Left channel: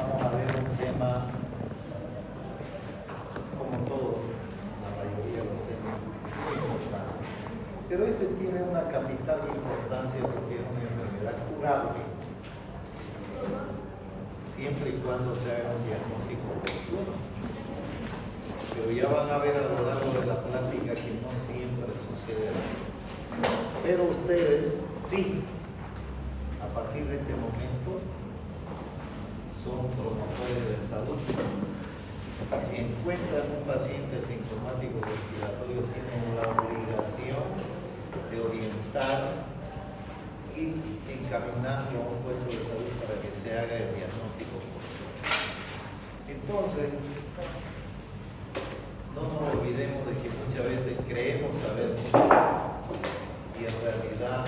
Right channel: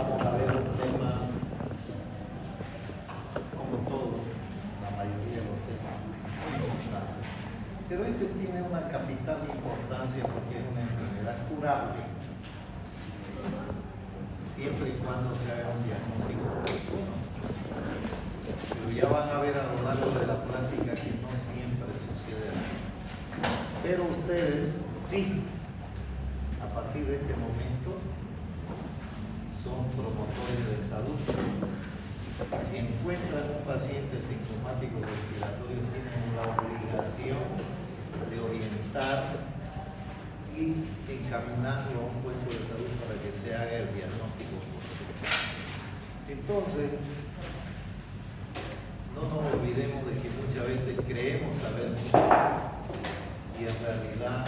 vamos a ver un tema, como todo, la mayoría de los temas muy importantes. Pero este tiene una capital importancia porque es una enfermedad curable, siempre y cuando se haga un diagnóstico oportuno. Pero ya van a ver a lo largo de la plática que no siempre sucede así. Pero ustedes sí, a partir de este momento, son promotores de salud. Si encuentran un paciente sintomático respiratorio, tienen la obligación de orientar y encaminarlo a un puesto de salud para que se haga el diagnóstico oportuno. Entonces, no nos olvidemos de que muchas veces creemos saber mucho y en realidad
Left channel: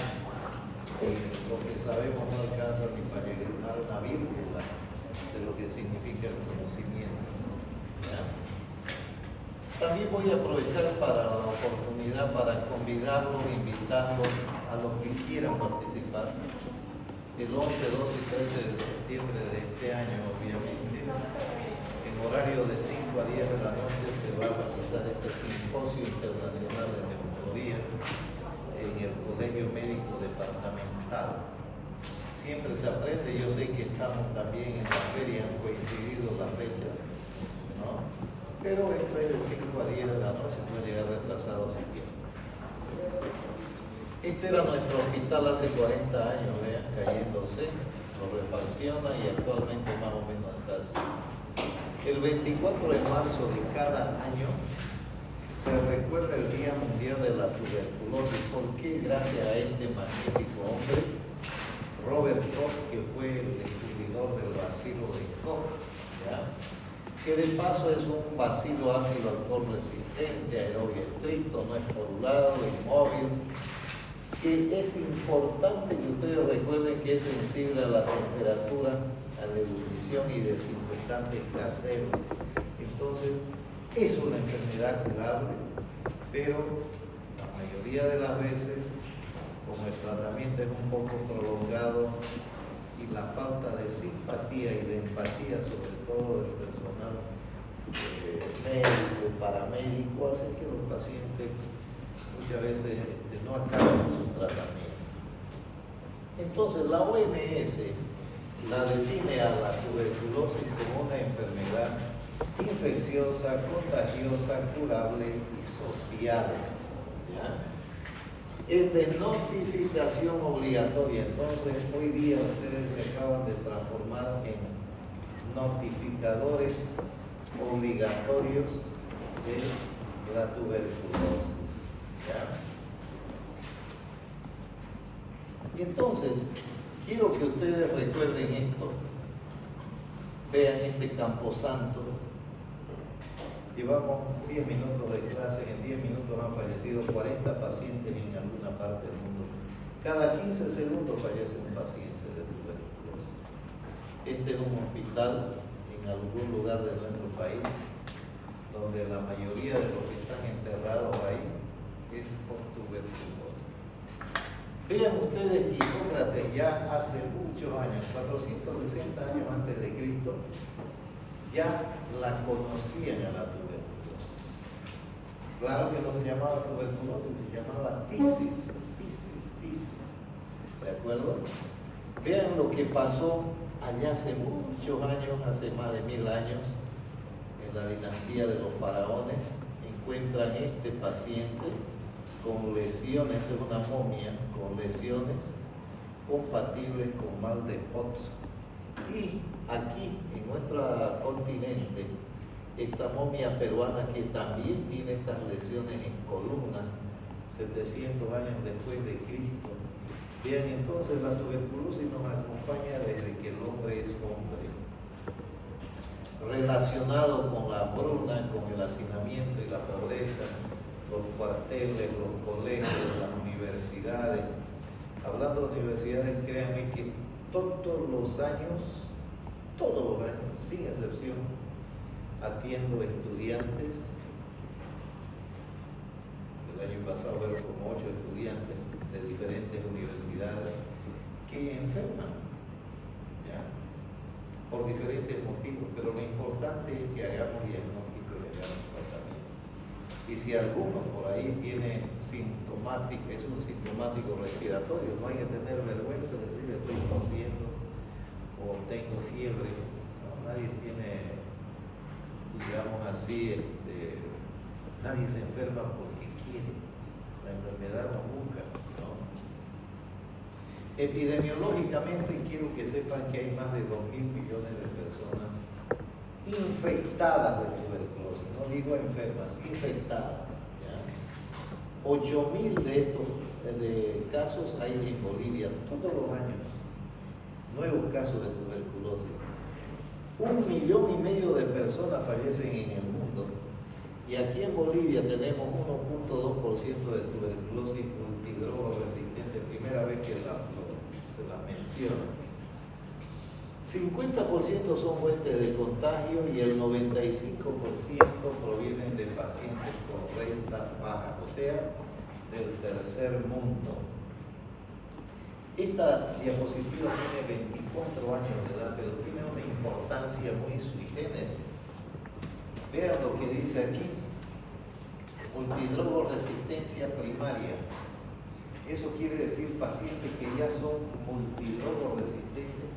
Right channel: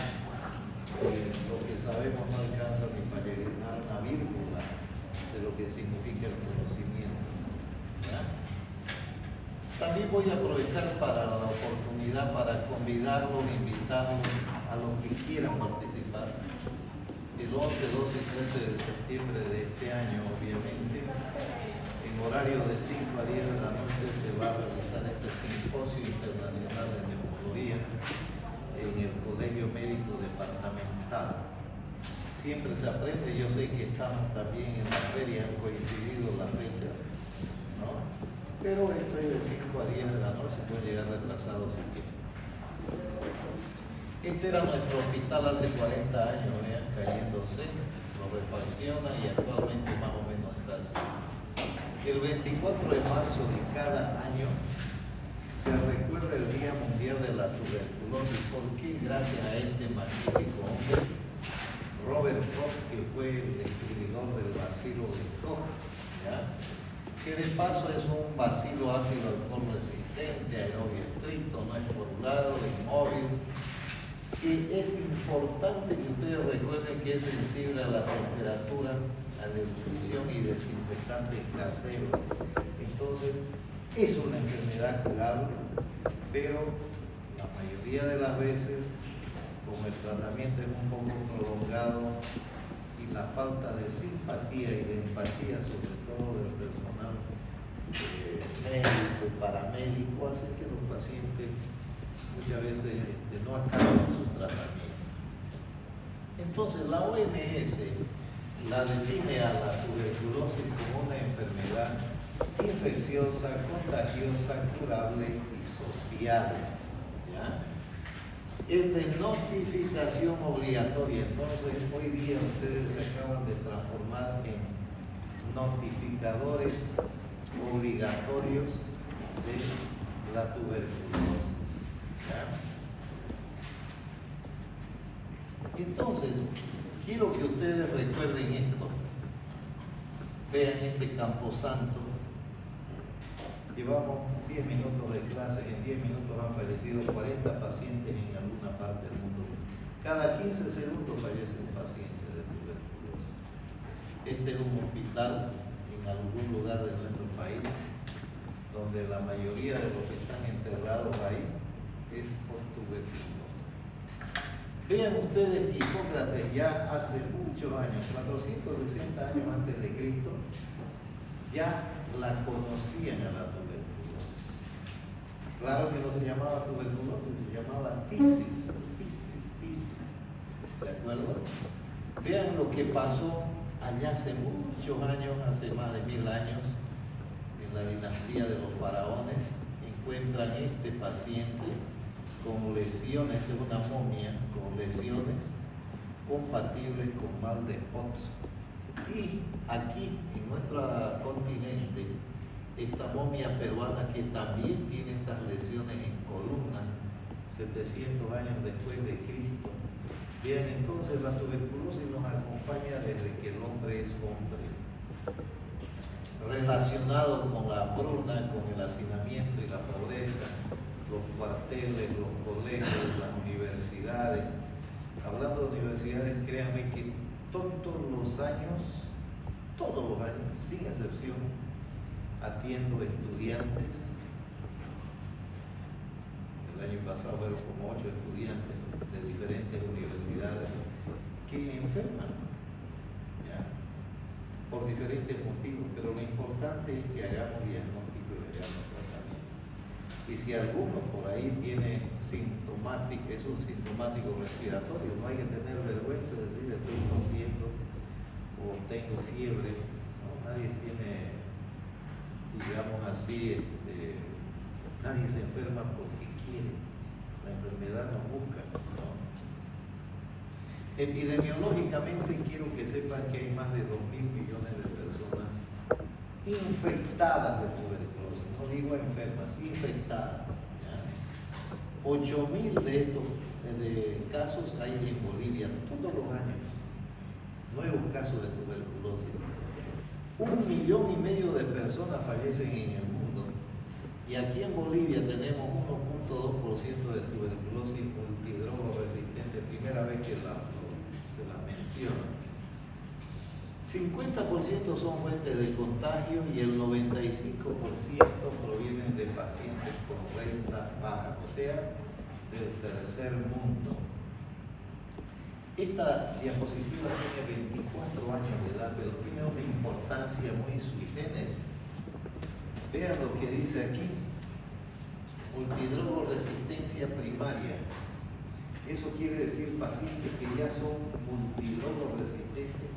lo que sabemos no alcanza ni para llegar a una vírgula de lo que significa el conocimiento. ¿Ya? También voy a aprovechar para la oportunidad para convidarlos, invitarlos a los que quieran participar. El 11, 12 y 13 de septiembre de este año, obviamente, en horario de 5 a 10 de la noche se va a realizar este simposio internacional de neumología en el Colegio Médico Departamental. Siempre se aprende, yo sé que estamos también en la feria, han coincidido las fechas, ¿no? Pero esto es de 5 a 10 de la noche, puede llegar retrasado si quieren. Este era nuestro hospital hace 40 años, vean, cayéndose, lo refacciona y actualmente más o menos está así. El 24 de marzo de cada año se recuerda el Día Mundial de la Tuberculosis. ¿Por qué? Gracias a este magnífico hombre, Robert Koch, que fue el descubridor del bacilo de Koch, ¿ya? Que de paso es un bacilo ácido alcohol resistente, aerobio estricto, no es porulado, inmóvil, que es importante que ustedes recuerden que es sensible a la temperatura, a la ebullición y desinfectantes caseros. Entonces, es una enfermedad curable, pero la mayoría de las veces, como el tratamiento es un poco prolongado y la falta de simpatía y de empatía, sobre todo del personal médico, paramédico, hace que los pacientes muchas veces no acaban su tratamiento. Entonces, la OMS la define a la tuberculosis como una enfermedad infecciosa, contagiosa, curable y social. ¿Ya? Es de notificación obligatoria. Entonces, hoy día ustedes se acaban de transformar en notificadores obligatorios de la tuberculosis. ¿Ya? Entonces, quiero que ustedes recuerden esto. Vean este camposanto. Llevamos 10 minutos de clase, en 10 minutos han fallecido 40 pacientes en alguna parte del mundo. Cada 15 segundos fallece un paciente de tuberculosis. Este es un hospital en algún lugar de nuestro país donde la mayoría de los que están enterrados ahí es por tuberculosis. Vean ustedes que Hipócrates ya hace muchos años, 460 años antes de Cristo, ya la conocían a la tuberculosis. Claro que no se llamaba tuberculosis, se llamaba tisis. ¿De acuerdo? Vean lo que pasó allá hace muchos años, hace más de 1000 años, en la dinastía de los faraones. Encuentran este paciente con lesiones, es una momia, con lesiones compatibles con mal de Pot. Y aquí, en nuestro continente, esta momia peruana que también tiene estas lesiones en columna, 700 años después de Cristo. Bien, entonces la tuberculosis nos acompaña desde que el hombre es hombre. Relacionado con la hambruna, con el hacinamiento y la pobreza, los cuarteles, los colegios, las universidades. Hablando de universidades, créanme que todos los años, sin excepción, atiendo estudiantes. El año pasado fueron como 8 estudiantes de diferentes universidades que enferman. ¿Ya? ¿Por por diferentes motivos, pero lo importante es que hagamos diagnóstico y hagamos tratamiento. Y si alguno por ahí tiene sintomático, es un sintomático respiratorio, no hay que tener vergüenza de decir estoy tosiendo o tengo fiebre, ¿no? Nadie tiene, digamos así, nadie se enferma porque quiere, la enfermedad nos busca, ¿no? Epidemiológicamente quiero que sepan que hay más de 2.000 millones de personas infectadas de tuberculosis, no digo enfermas, infectadas, ¿ya? 8.000 de estos casos hay en Bolivia todos los años, nuevos casos de tuberculosis. 1,5 millones de personas fallecen en el mundo y aquí en Bolivia tenemos 1.2% de tuberculosis multidrogo resistente, primera vez que se la menciona. 50% son fuentes de contagio y el 95% provienen de pacientes con renta baja, o sea, del tercer mundo. Esta diapositiva tiene 24 años de edad, pero tiene una importancia muy sui generis. Vean lo que dice aquí: multidrogo resistencia primaria. Eso quiere decir pacientes que ya son multidrogo resistentes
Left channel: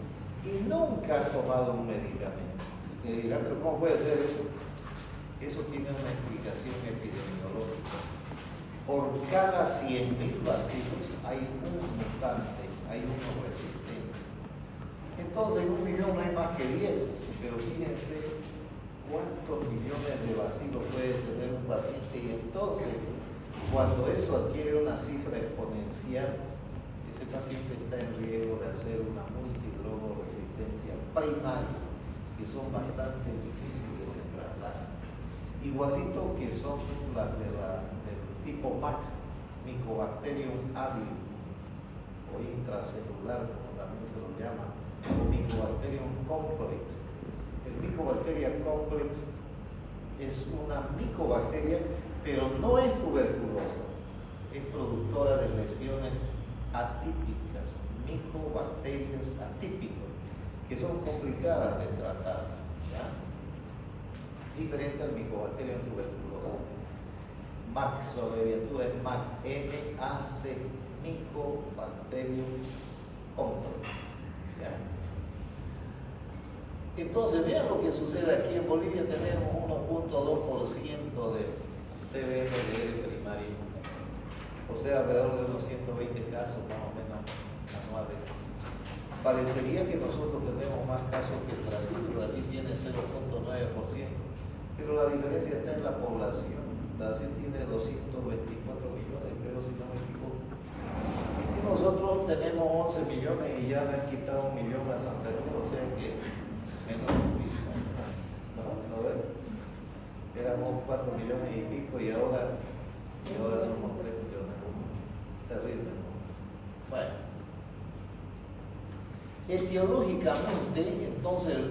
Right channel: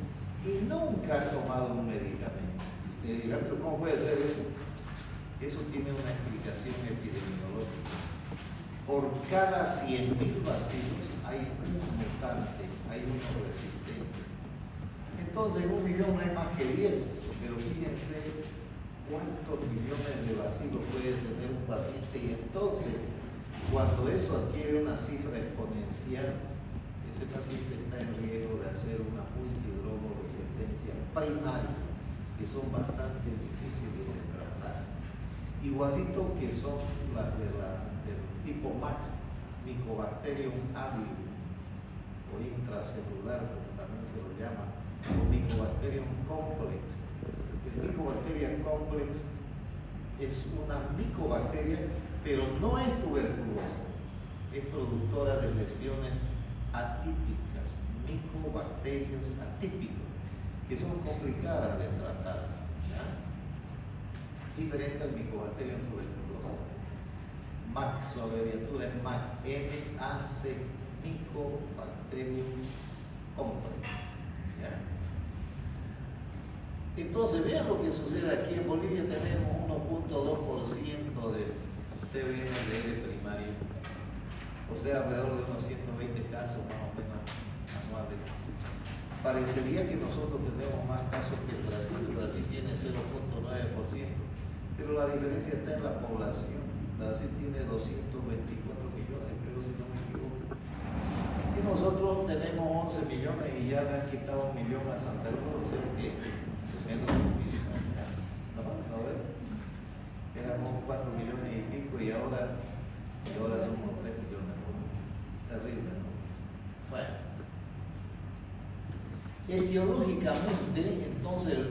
y nunca han tomado un medicamento. Y te dirán, pero ¿cómo puede ser eso? Eso tiene una explicación epidemiológica. Por cada 100.000 bacilos hay un mutante, hay uno resistente. Entonces, en 1 millón no hay más que 10, pero fíjense cuántos millones de bacilos puede tener un paciente, y entonces, cuando eso adquiere una cifra exponencial, ese paciente está en riesgo de hacer una multidrogo resistencia primaria, que son bastante difíciles de tratar. Igualito que son las del tipo MAC, Mycobacterium avium, o intracelular, como también se lo llama, o Mycobacterium complex. El Mycobacteria complex es una micobacteria, pero no es tuberculosa, es productora de lesiones atípicas, micobacterios atípicos, que son complicadas de tratar, ¿ya? Diferente al Mycobacterium tuberculoso. MAC, su abreviatura es MAC, M-A-C, Mycobacterium complex, ¿ya? Entonces, vean lo que sucede aquí en Bolivia. Tenemos 1.2% de TBND primario, o sea, alrededor de unos 120 casos más o menos anuales. Parecería que nosotros tenemos más casos que Brasil. Brasil tiene 0.9%, pero la diferencia está en la población. Brasil tiene 224 millones, creo, si no me equivoco. Y nosotros tenemos 11 millones y ya le han quitado 1 millón a Santa Cruz, o sea que menos de lo mismo. ¿No? A ver, éramos 4 millones y pico y ahora somos 3 millones. Terrible, ¿no? Bueno. Etiológicamente, entonces el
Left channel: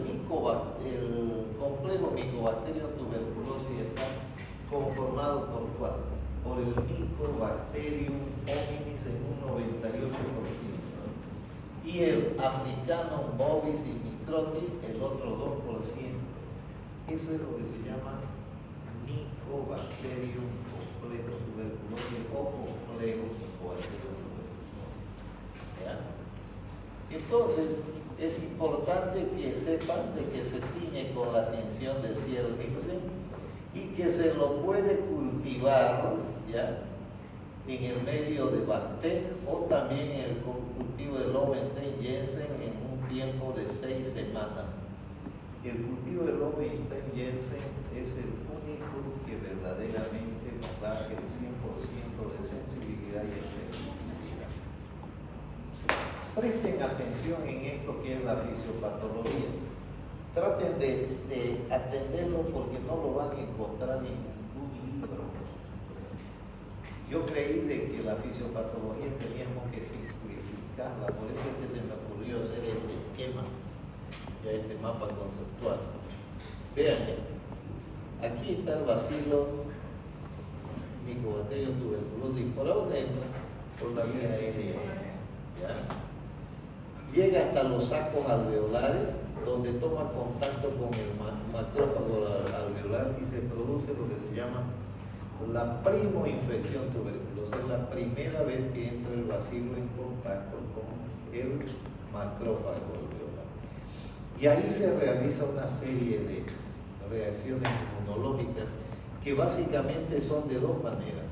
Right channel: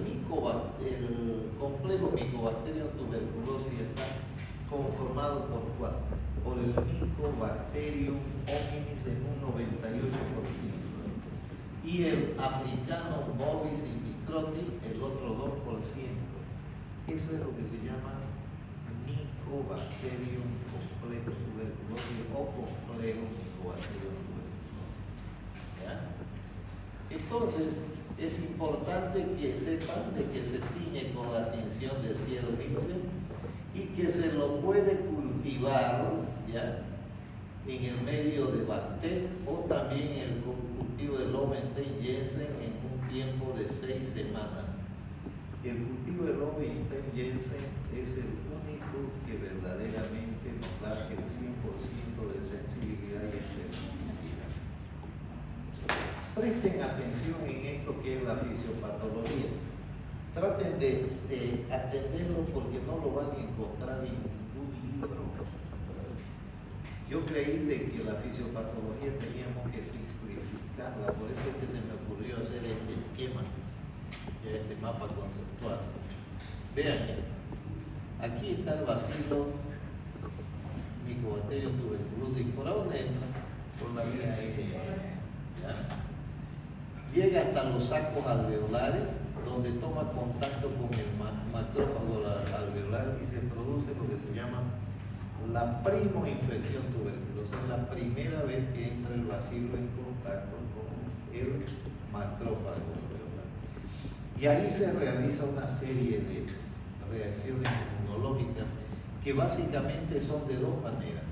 complejo Mycobacterium tuberculosis está conformado por el Mycobacterium hominis en un 98%, y el africano bovis y microti el otro 2%. Eso es lo que se llama Mycobacterium complejo tuberculosis o complejo Mycobacterium tuberculosis. ¿Ya? Entonces, es importante que sepan de que se tiñe con la tinción de Ziel-Nielsen y que se lo puede cultivar, ¿ya?, en el medio de Bacter o también en el cultivo de Lowenstein-Jensen en un tiempo de 6 semanas. El cultivo de Lowenstein-Jensen es el único que verdaderamente nos da el 100% de sensibilidad y especificidad. Presten atención en esto que es la fisiopatología. Traten de atenderlo porque no lo van a encontrar en ningún libro. Yo creí de que la fisiopatología teníamos que simplificarla, por eso es que se me ocurrió hacer este esquema, ya este mapa conceptual. Vean, aquí está el bacilo Mycobacterium tuberculosis. ¿Por dónde entra? Por la vía aérea. ¿Ya? llega hasta los sacos alveolares, donde toma contacto con el macrófago alveolar y se produce lo que se llama la primoinfección tuberculosa. Es la primera vez que entra el bacilo en contacto con el macrófago alveolar. Y ahí se realiza una serie de reacciones inmunológicas que básicamente son de dos maneras.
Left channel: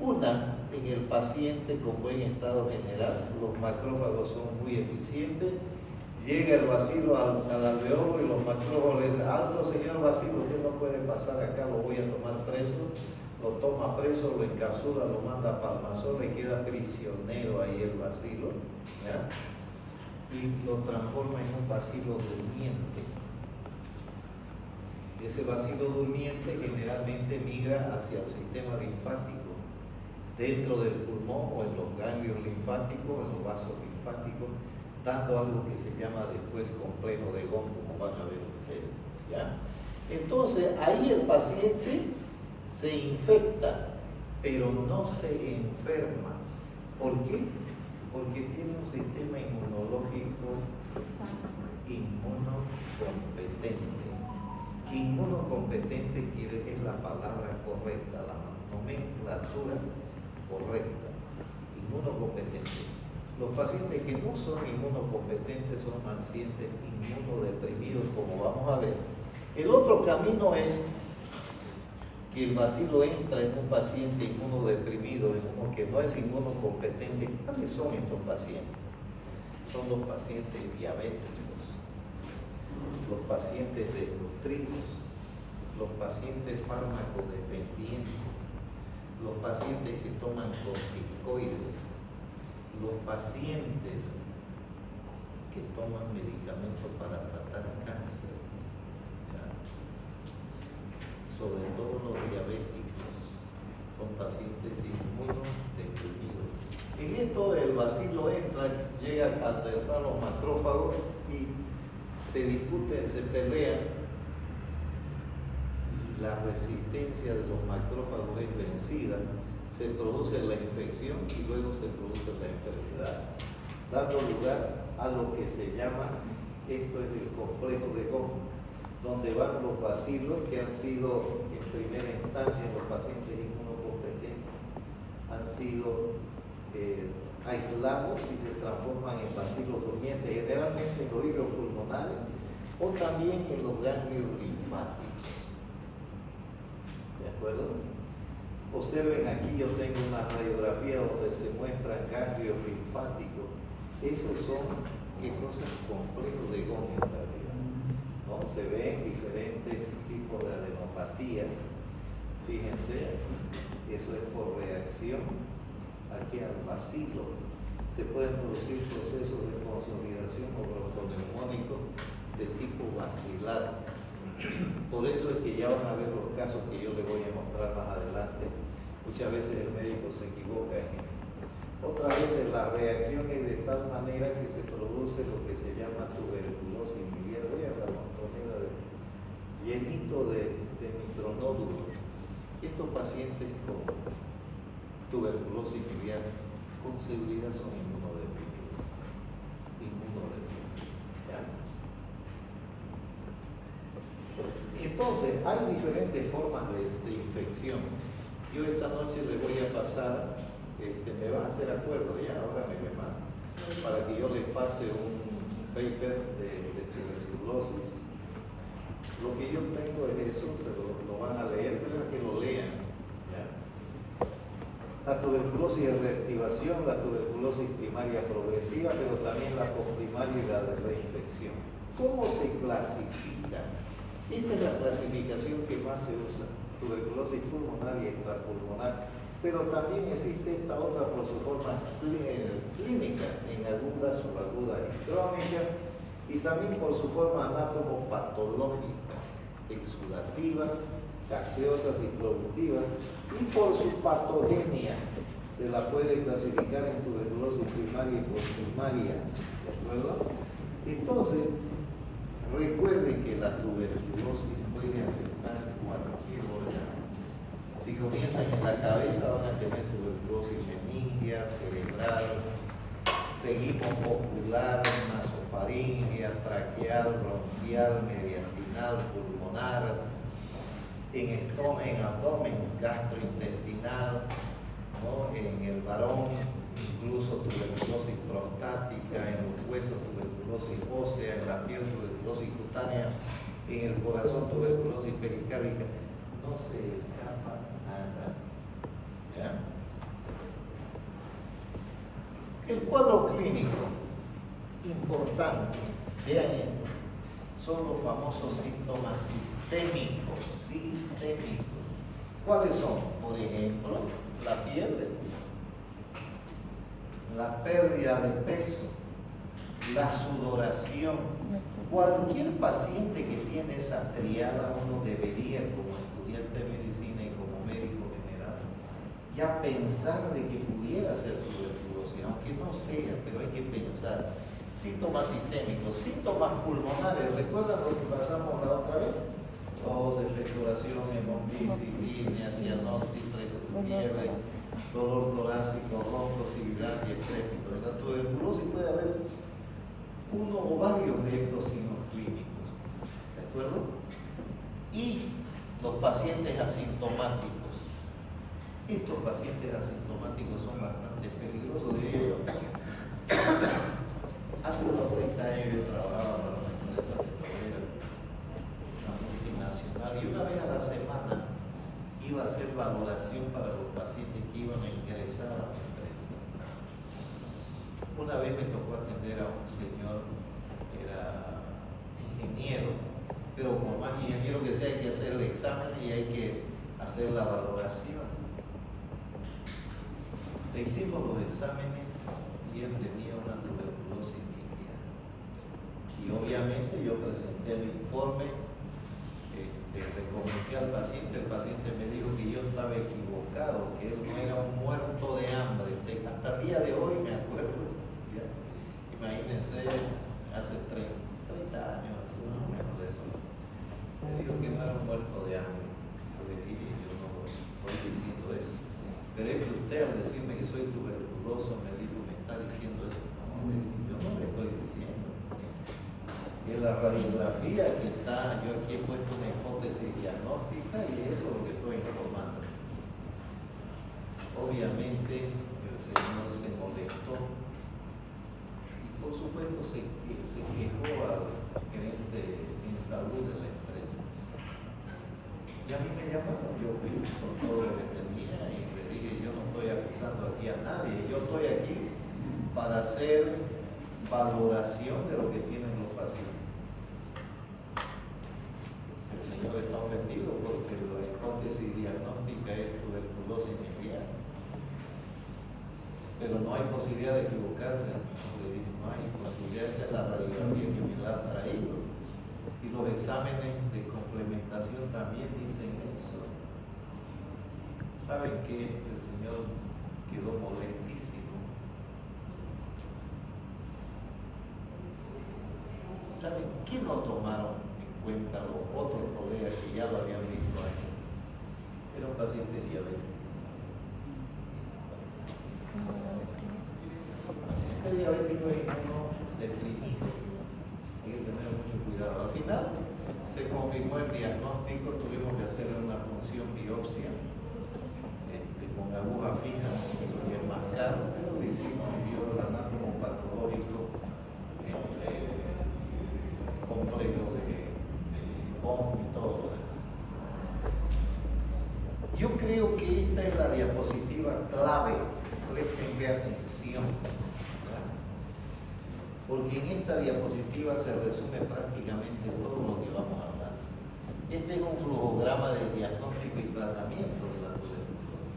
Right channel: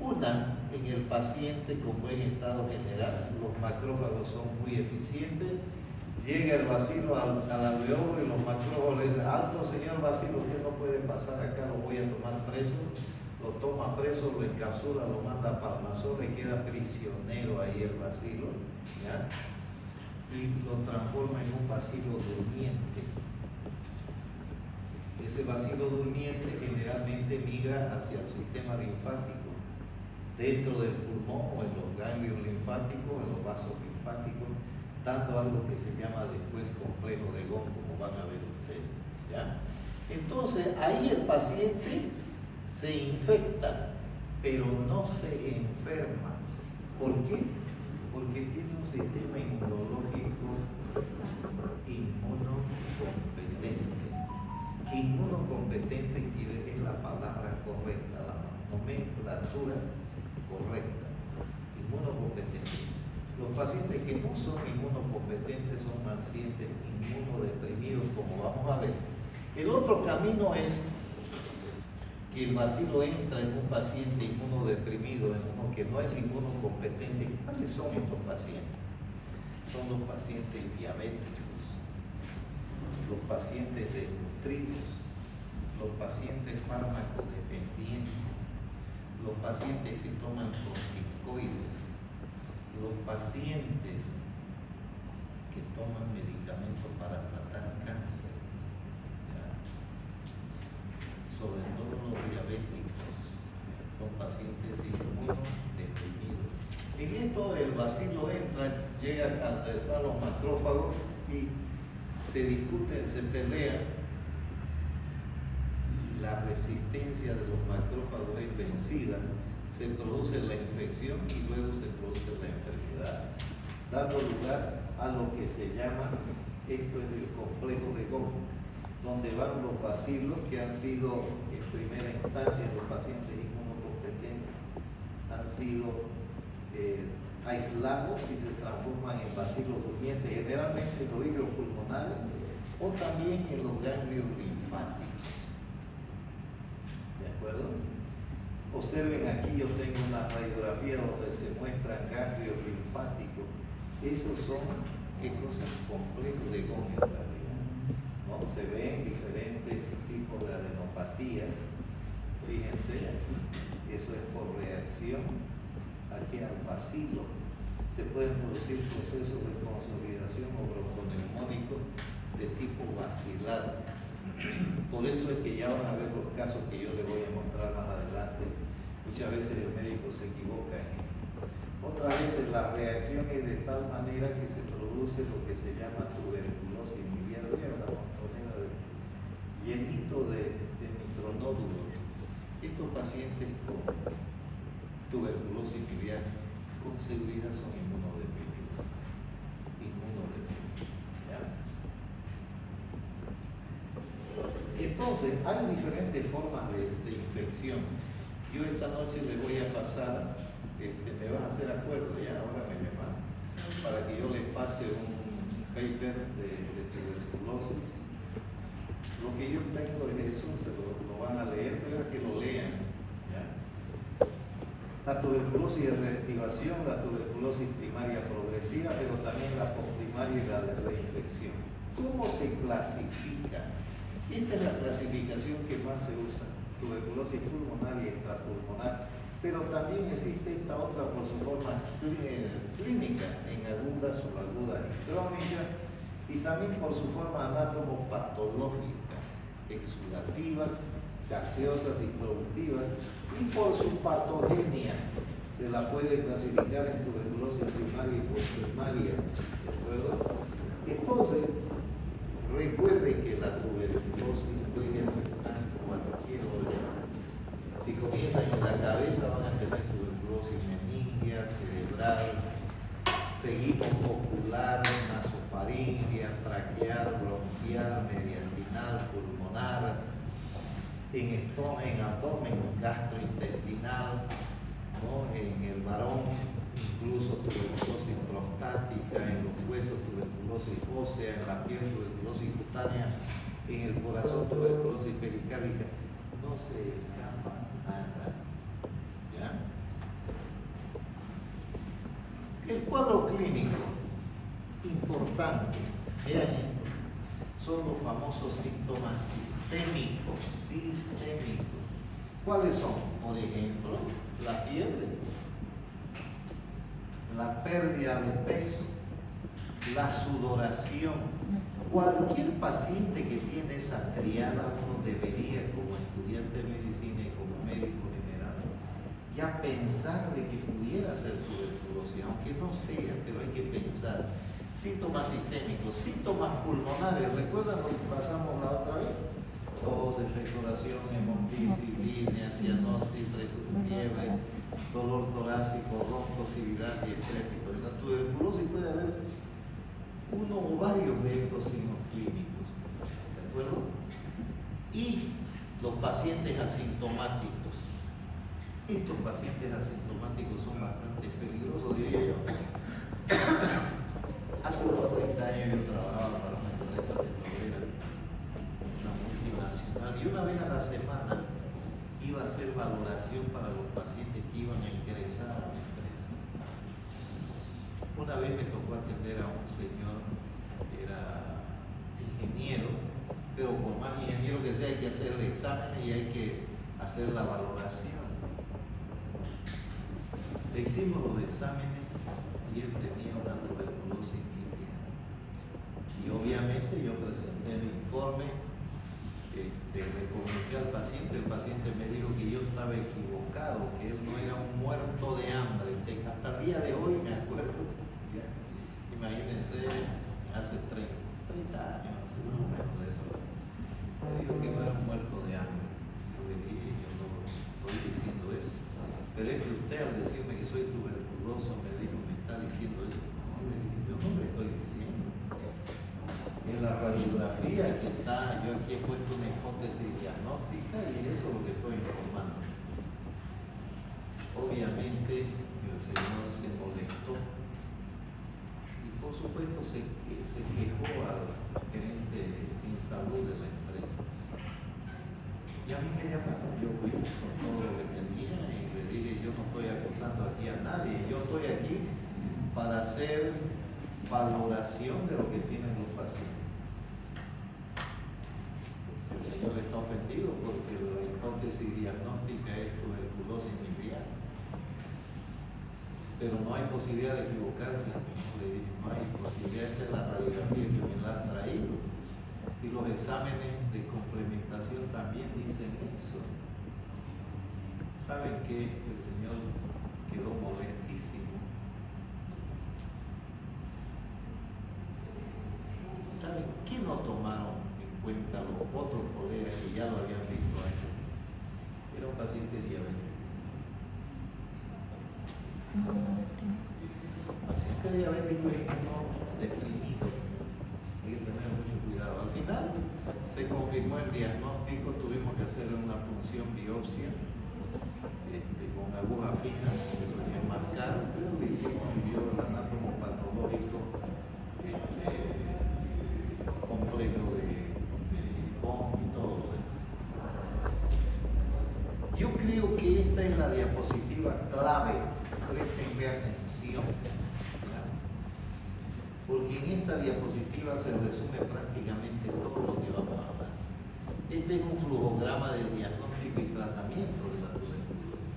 Una, en el paciente con buen estado general, los macrófagos son muy eficientes, llega el bacilo al alveolo y los macrófagos le dicen: alto señor bacilo, usted no puede pasar acá, lo voy a tomar preso. Lo toma preso, lo encapsula, lo manda a Palmazón, le queda prisionero ahí el bacilo, ¿ya? Y lo transforma en un bacilo durmiente. Ese bacilo durmiente generalmente migra hacia el sistema linfático, dentro del pulmón o en los ganglios linfáticos, en los vasos linfáticos, dando algo que se llama después complejo de Gauss, como van a ver ustedes, ¿ya? Entonces, ahí el paciente se infecta, pero no se enferma. ¿Por qué? Porque tiene un sistema inmunológico inmunocompetente. Inmunocompetente es la palabra correcta, la nomenclatura correcta. Inmunocompetente. Los pacientes que no son inmunocompetentes son pacientes inmunodeprimidos, como vamos a ver. El otro camino es que el bacilo entra en un paciente inmunodeprimido, en uno que no es inmunocompetente. ¿Cuáles son estos pacientes? Son los pacientes diabéticos, los pacientes desnutridos, los pacientes farmacodependientes, los pacientes que toman corticoides, los pacientes que toman medicamentos para tratar cáncer, ¿ya? Sobre todo los diabéticos, son pacientes inmunodeprimidos. En esto el bacilo entra, llega hasta entrar los macrófagos y se discuten, se pelean, y la resistencia de los macrófagos es vencida, se produce la infección y luego se produce la enfermedad, dando lugar a lo que se llama, esto es el complejo de Gauss, donde van los bacilos que han sido en primera instancia los pacientes inmunocompetentes, han sido aislados y se transforman en bacilos durmientes, generalmente en los hígdos pulmonares o también en los ganglios linfáticos. ¿De acuerdo? Observen aquí, yo tengo una radiografía donde se muestran ganglios linfáticos. Esos son, ¿qué cosas? Complejos de Gauss en realidad, ¿no? Se ven diferentes tipos de adenopatías. Fíjense aquí, eso es por reacción aquí al bacilo. Se pueden producir procesos de consolidación o bronconeumónico de tipo bacilar. Por eso es que ya van a ver los casos que yo les voy a mostrar más adelante. Muchas veces el médico se equivoca en esto. Otras veces la reacción es de tal manera que se produce lo que se llama tuberculosis miliar. Vean la montonera llenito de micronódulos. Estos pacientes con tuberculosis miliar con seguridad son inmunodeprimidos. ¿Ya? Entonces, hay diferentes formas de infección. Yo esta noche les voy a pasar, me vas a hacer acuerdo, ya, ahora me llaman, para que yo les pase un paper de tuberculosis. Lo que yo tengo es eso, se lo van a leer, pero es que lo lean. ¿Ya? La tuberculosis de reactivación, la tuberculosis primaria progresiva, pero también la postprimaria y la de reinfección. ¿Cómo se clasifica? Esta es la clasificación que más se usa, tuberculosis pulmonar y extrapulmonar, pero también existe esta otra por su forma clínica, en aguda, subaguda y crónica, y también por su forma anatomopatológica, exudativas, gaseosas y productivas, y por su patogenia. Se la puede clasificar en tuberculosis primaria y postprimaria, ¿de acuerdo? Entonces, recuerden que la tuberculosis puede afectar cualquier órgano. Si comienzan en la cabeza van a tener tuberculosis meningea, cerebral, Seguimos ocular, nasofaringea, traqueal, bronquial, mediastinal, pulmonar, en abdomen, gastrointestinal, ¿no? En el varón, incluso tuberculosis prostática, en los huesos, tuberculosis ósea, en la piel, tuberculosis cutánea, en el corazón, tuberculosis pericárdica. No se escapa nada. ¿Ya? El cuadro clínico importante, vean esto, son los famosos síntomas sistémicos. ¿Cuáles son? Por ejemplo, la fiebre, la pérdida de peso, la sudoración. Cualquier paciente que tiene esa triada, uno debería, como estudiante de medicina y como médico general, ya pensar de que pudiera ser tuberculosis, aunque no sea, pero hay que pensar. Síntomas sistémicos, síntomas pulmonares, ¿recuerdan lo que pasamos la otra vez? Tos, expectoración, hemoptisis, disnea, cianosis, fiebre, dolor torácico, ronco, sibilancia, estrépito. En la tuberculosis puede haber uno o varios de estos signos clínicos, ¿de acuerdo? Y los pacientes asintomáticos. Estos pacientes asintomáticos son bastante peligrosos, diría yo. Hace unos 30 años yo trabajaba para una empresa petrolera, una multinacional, y una vez a la semana iba a hacer valoración para los pacientes que iban a ingresar a la empresa. Una vez me tocó atender a un señor que era ingeniero, pero con más ingeniero que sea hay que hacer el examen y hay que hacer la valoración. Le hicimos los exámenes y él tenía una tuberculosis cristiana. Y obviamente yo presenté mi informe, le comenté al paciente, el paciente me dijo que yo estaba equivocado, que él no era un muerto de hambre. Hasta el día de hoy me acuerdo, ya, imagínense, hace 30 años, así más o menos de eso. Me dijo que no era un muerto de hambre. Yo le dije, yo no estoy diciendo eso. Pero es que usted al decirme que soy tuberculoso me dijo, me está diciendo eso. No, yo no le estoy diciendo. Y en la radiografía que está, yo aquí he puesto una hipótesis diagnóstica y eso es lo que estoy informando. Obviamente el señor se molestó y por supuesto se quejó al gerente en salud de la empresa. Y a mí me llamaron, yo fui con todo lo que tenía y le dije, yo no estoy acusando aquí a nadie, yo estoy aquí para hacer valoración de lo que tienen los pacientes. El señor está ofendido porque la hipótesis diagnóstica es tuberculosis miliar. Pero no hay posibilidad de equivocarse. Le dije, no hay posibilidad, esa es la radiografía que me la ha traído. Y los exámenes de complementación también dicen eso. ¿Saben qué? El señor quedó molestísimo. ¿Saben qué no tomaron en cuenta los otros colegas que ya lo habían visto a él? Era un paciente diabético. Paciente diabético es uno deprimido. Hay que tener mucho cuidado. Al final se confirmó el diagnóstico, tuvimos que hacer una punción biopsia con aguja fina, eso ya es más caro, pero le hicimos el anátomo patológico complejo de Bond y todo. Yo creo que esta es la diapositiva clave, prestenle atención, ¿verdad? Porque en esta diapositiva se resume prácticamente todo lo que vamos a hablar. Este es un flujograma de diagnóstico y tratamiento de la tuberculosis.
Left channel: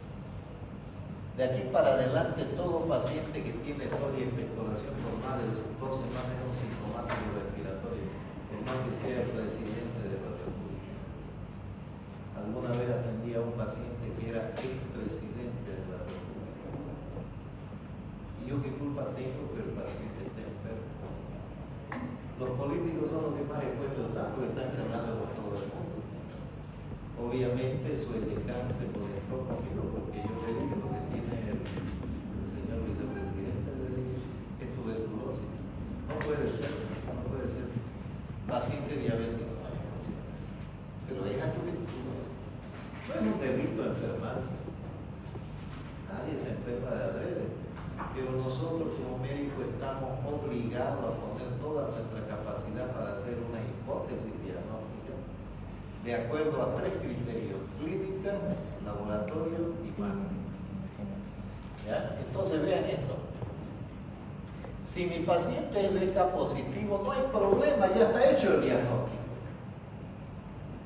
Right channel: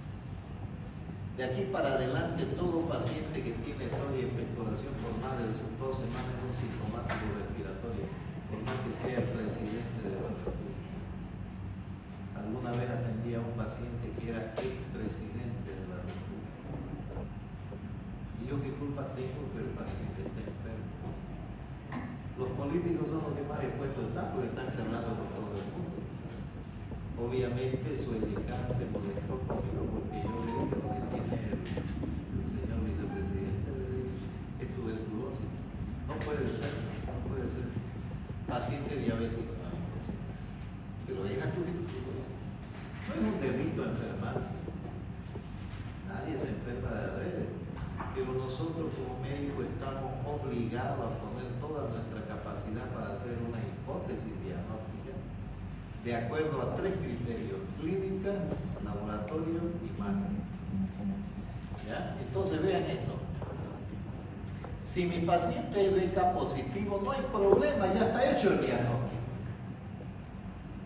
De aquí para adelante, todo paciente que tiene tos y expectoración por más de 2 semanas es un sintomático respiratorio, por más que sea el presidente de la República. Alguna vez atendí a un paciente que era expresidente de la República. ¿Y yo qué culpa tengo que el paciente esté enfermo? Los políticos son los que más expuestos están porque están cerrando con todo el mundo. Obviamente su edecán se molestó conmigo porque yo le dije lo que tiene el señor vicepresidente, le dije, esto No puede ser, no puede ser. Paciente diabético, no hay consecuencia. Pero es la tuberculosis. No es un delito enfermarse. Nadie se enferma de adrede. Pero nosotros como médicos estamos obligados a poner toda nuestra capacidad para hacer una hipótesis diagnóstica de acuerdo a 3 criterios: clínica, laboratorio y mano. ¿Ya? Entonces vean esto. Si mi paciente es BK positivo, no hay problema, ya está hecho el diagnóstico.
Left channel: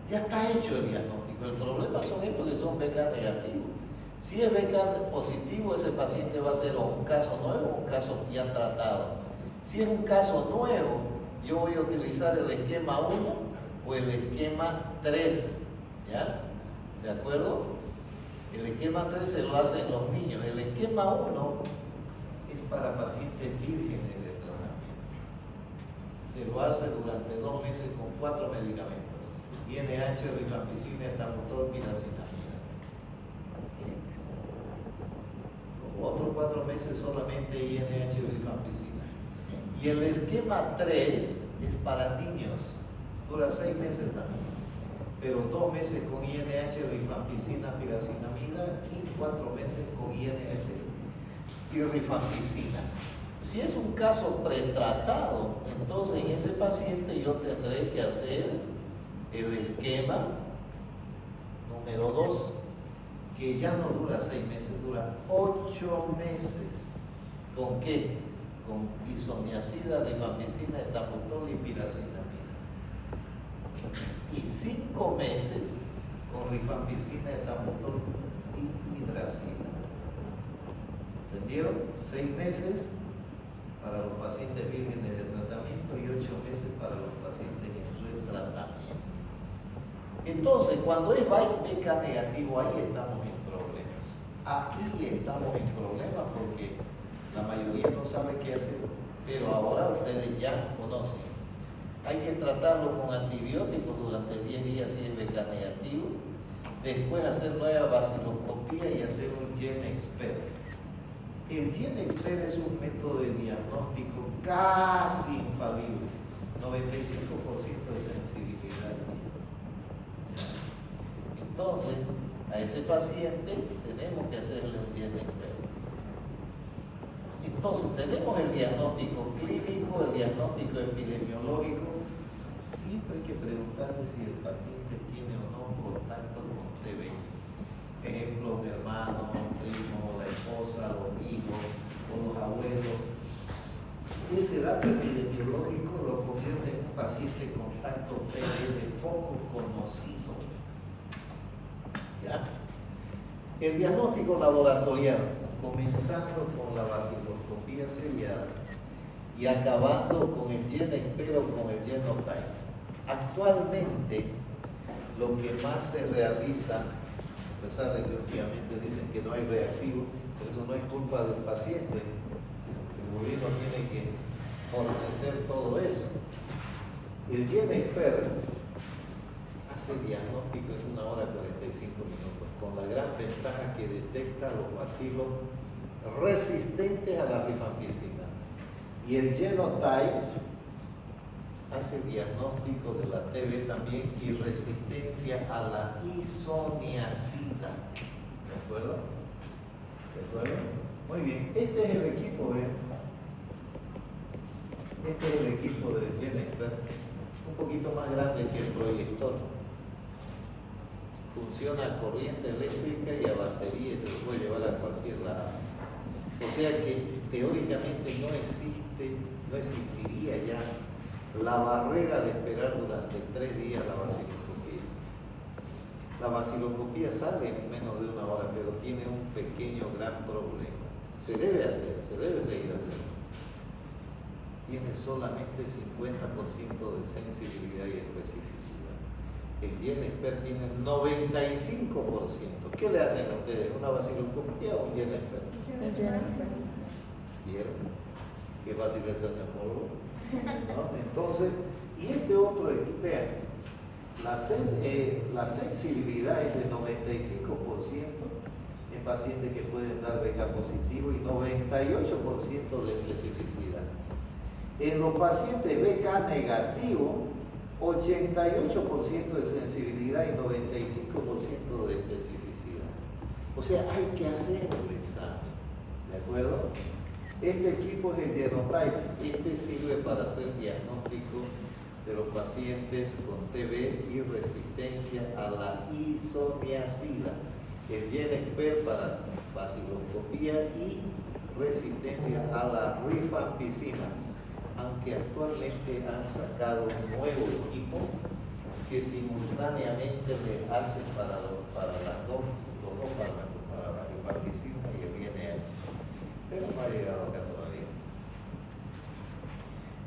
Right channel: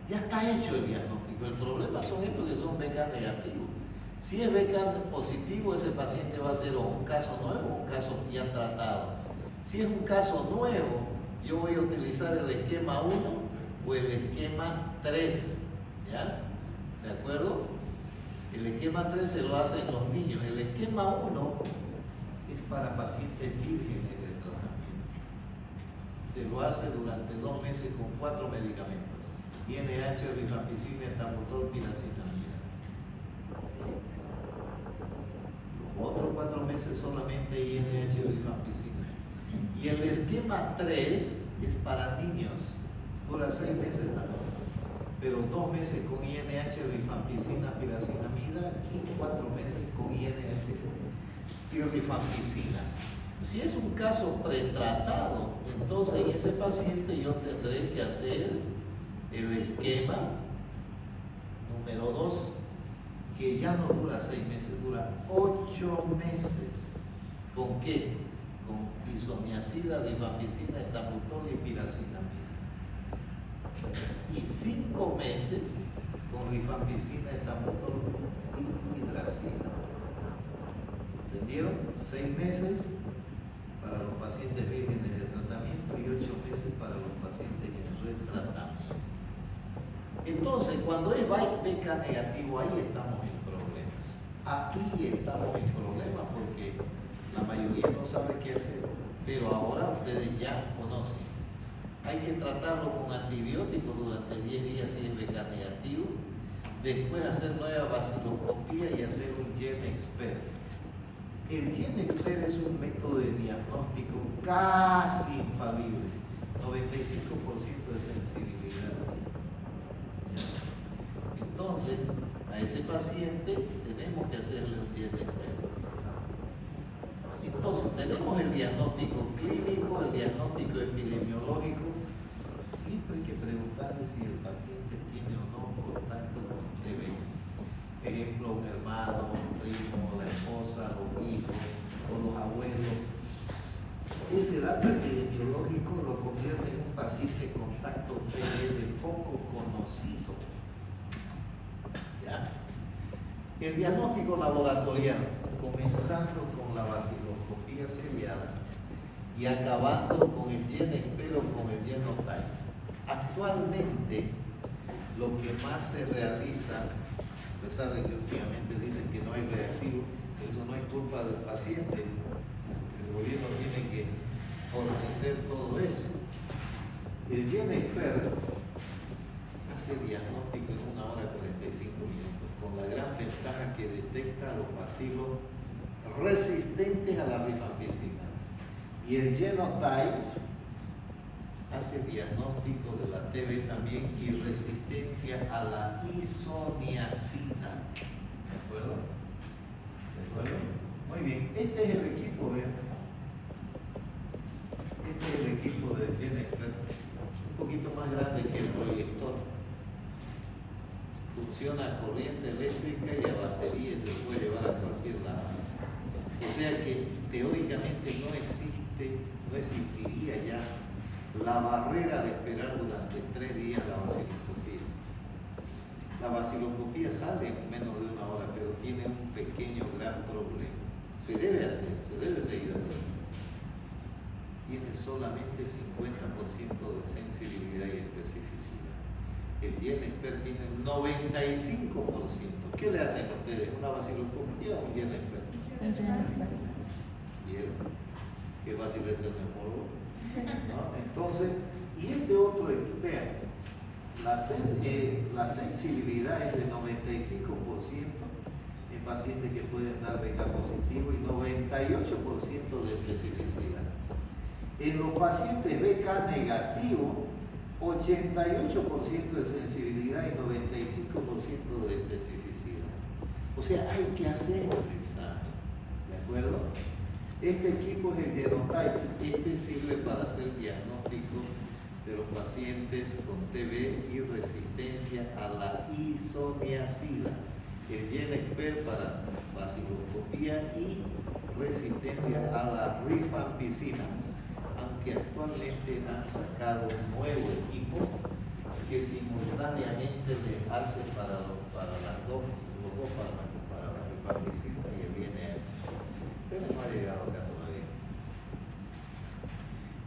Ya está hecho el diagnóstico. El problema son estos que son BK negativos. Si es BK positivo, ese paciente va a ser o un caso nuevo o un caso ya tratado. Si es un caso nuevo, yo voy a utilizar el esquema 1 o el esquema 3. ¿Ya? ¿De acuerdo? El esquema 3 se lo hacen los niños. El esquema 1 es para pacientes vírgenes de tratamiento. Se lo hace durante 2 meses con 4 medicamentos: INH, rifampicina, etambutol, piracinamida. Los otros 4 meses solamente INH, rifampicina. Y el esquema 3 es para niños, dura 6 meses también, pero 2 meses con INH, rifampicina, piracinamida y 4 meses con INH y rifampicina. Si es un caso pretratado, entonces en ese paciente yo tendré que hacer el esquema número 2, que ya no dura 6 meses, dura 8 meses. ¿Con qué? Con isoniazida, rifampicina, etambutol y piracinamida. Y 5 meses con rifampicina, etambutol y hidracina. ¿Entendieron? 6 meses para los pacientes vírgenes de tratamiento y 8 meses para los pacientes en retratamiento. Entonces, cuando es BK negativo, ahí estamos en problemas. Aquí estamos en problemas porque la mayoría no sabe qué hacer, pero ahora ustedes ya conocen. Hay que tratarlo con antibióticos durante 10 días si es BK negativo, después hacer nueva vaciloscopía y hacer un GenExpert. El GenExpert es un método de diagnóstico casi infalible, 95% de sensibilidad. Entonces, a ese paciente tenemos que hacerle un GenExpert. Entonces, tenemos el diagnóstico clínico, el diagnóstico epidemiológico. Siempre hay que preguntarle si el paciente tiene o no contacto con TB. Ejemplo, un hermano, un primo, la esposa, los hijos o los abuelos. Ese dato epidemiológico lo convierte en un paciente contacto TB de foco conocido. ¿Ya? El diagnóstico laboratorial, comenzando con la vaciloscopía seriada y acabando con el GenExpert o con el genotype. Actualmente, lo que más se realiza, a pesar de que últimamente dicen que no hay reactivo, eso no es culpa del paciente, el gobierno tiene que fornecer todo eso. El GenExpert hace diagnóstico en 1 hora y 45 minutos, con la gran ventaja que detecta los bacilos resistentes a la rifampicina. Y el genotype hace diagnóstico de la TB también y resistencia a la isoniazida. ¿De acuerdo? ¿De acuerdo? Muy bien, este es el equipo, ¿ven? Este es el equipo del GenExpert, un poquito más grande que el proyector. Funciona a corriente eléctrica y a batería y se lo puede llevar a cualquier lado. O sea que teóricamente no existiría ya la barrera de esperar durante 3 días la vaciloscopía. La vaciloscopía sale en menos de 1 hora, pero tiene un pequeño gran problema. Se debe hacer, se debe seguir haciendo. Tiene solamente 50% de sensibilidad y especificidad. El GenExpert tiene 95%. ¿Qué le hacen a ustedes? ¿Una vaciloscopía o un GenExpert? ¿Vieron? Qué fácil es el polvo. ¿No? Entonces, y este otro, vean, la sensibilidad es de 95% en pacientes que pueden dar BK positivo y 98% de especificidad. En los pacientes BK negativo, 88% de sensibilidad y 95% de especificidad. O sea, hay que hacer el examen, ¿de acuerdo? Este equipo es el Genotype. Este sirve para hacer diagnóstico de los pacientes con TB y resistencia a la isoniazida. El GenExpert para vaciloscopía y resistencia a la rifampicina, aunque actualmente han sacado un nuevo equipo que simultáneamente le hace para los dos fármacos, para la rifampicina y el GNH. Pero no ha llegado acá todavía.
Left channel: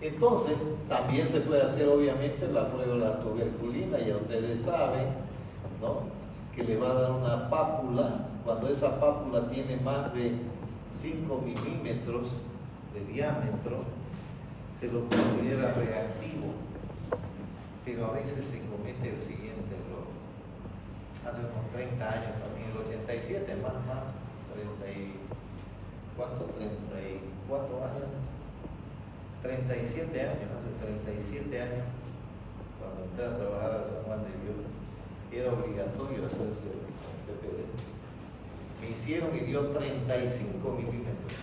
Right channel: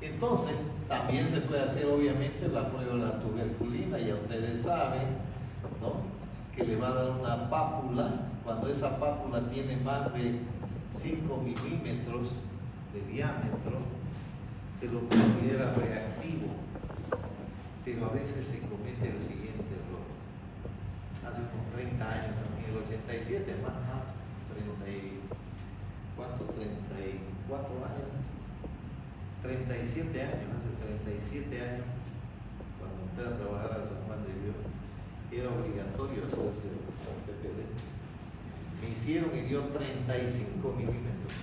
Entonces, también se puede hacer obviamente la prueba de la tuberculina. Ya ustedes saben, ¿no?, que le va a dar una pápula. Cuando esa pápula tiene más de 5 milímetros de diámetro, se lo considera reactivo. Pero a veces se comete el siguiente error. Hace unos 30 años también, el 87, más, 34 años, 37 años, hace 37 años, cuando entré a trabajar al San Juan de Dios, era obligatorio hacerse el PPD. Me hicieron y dio 35 milímetros.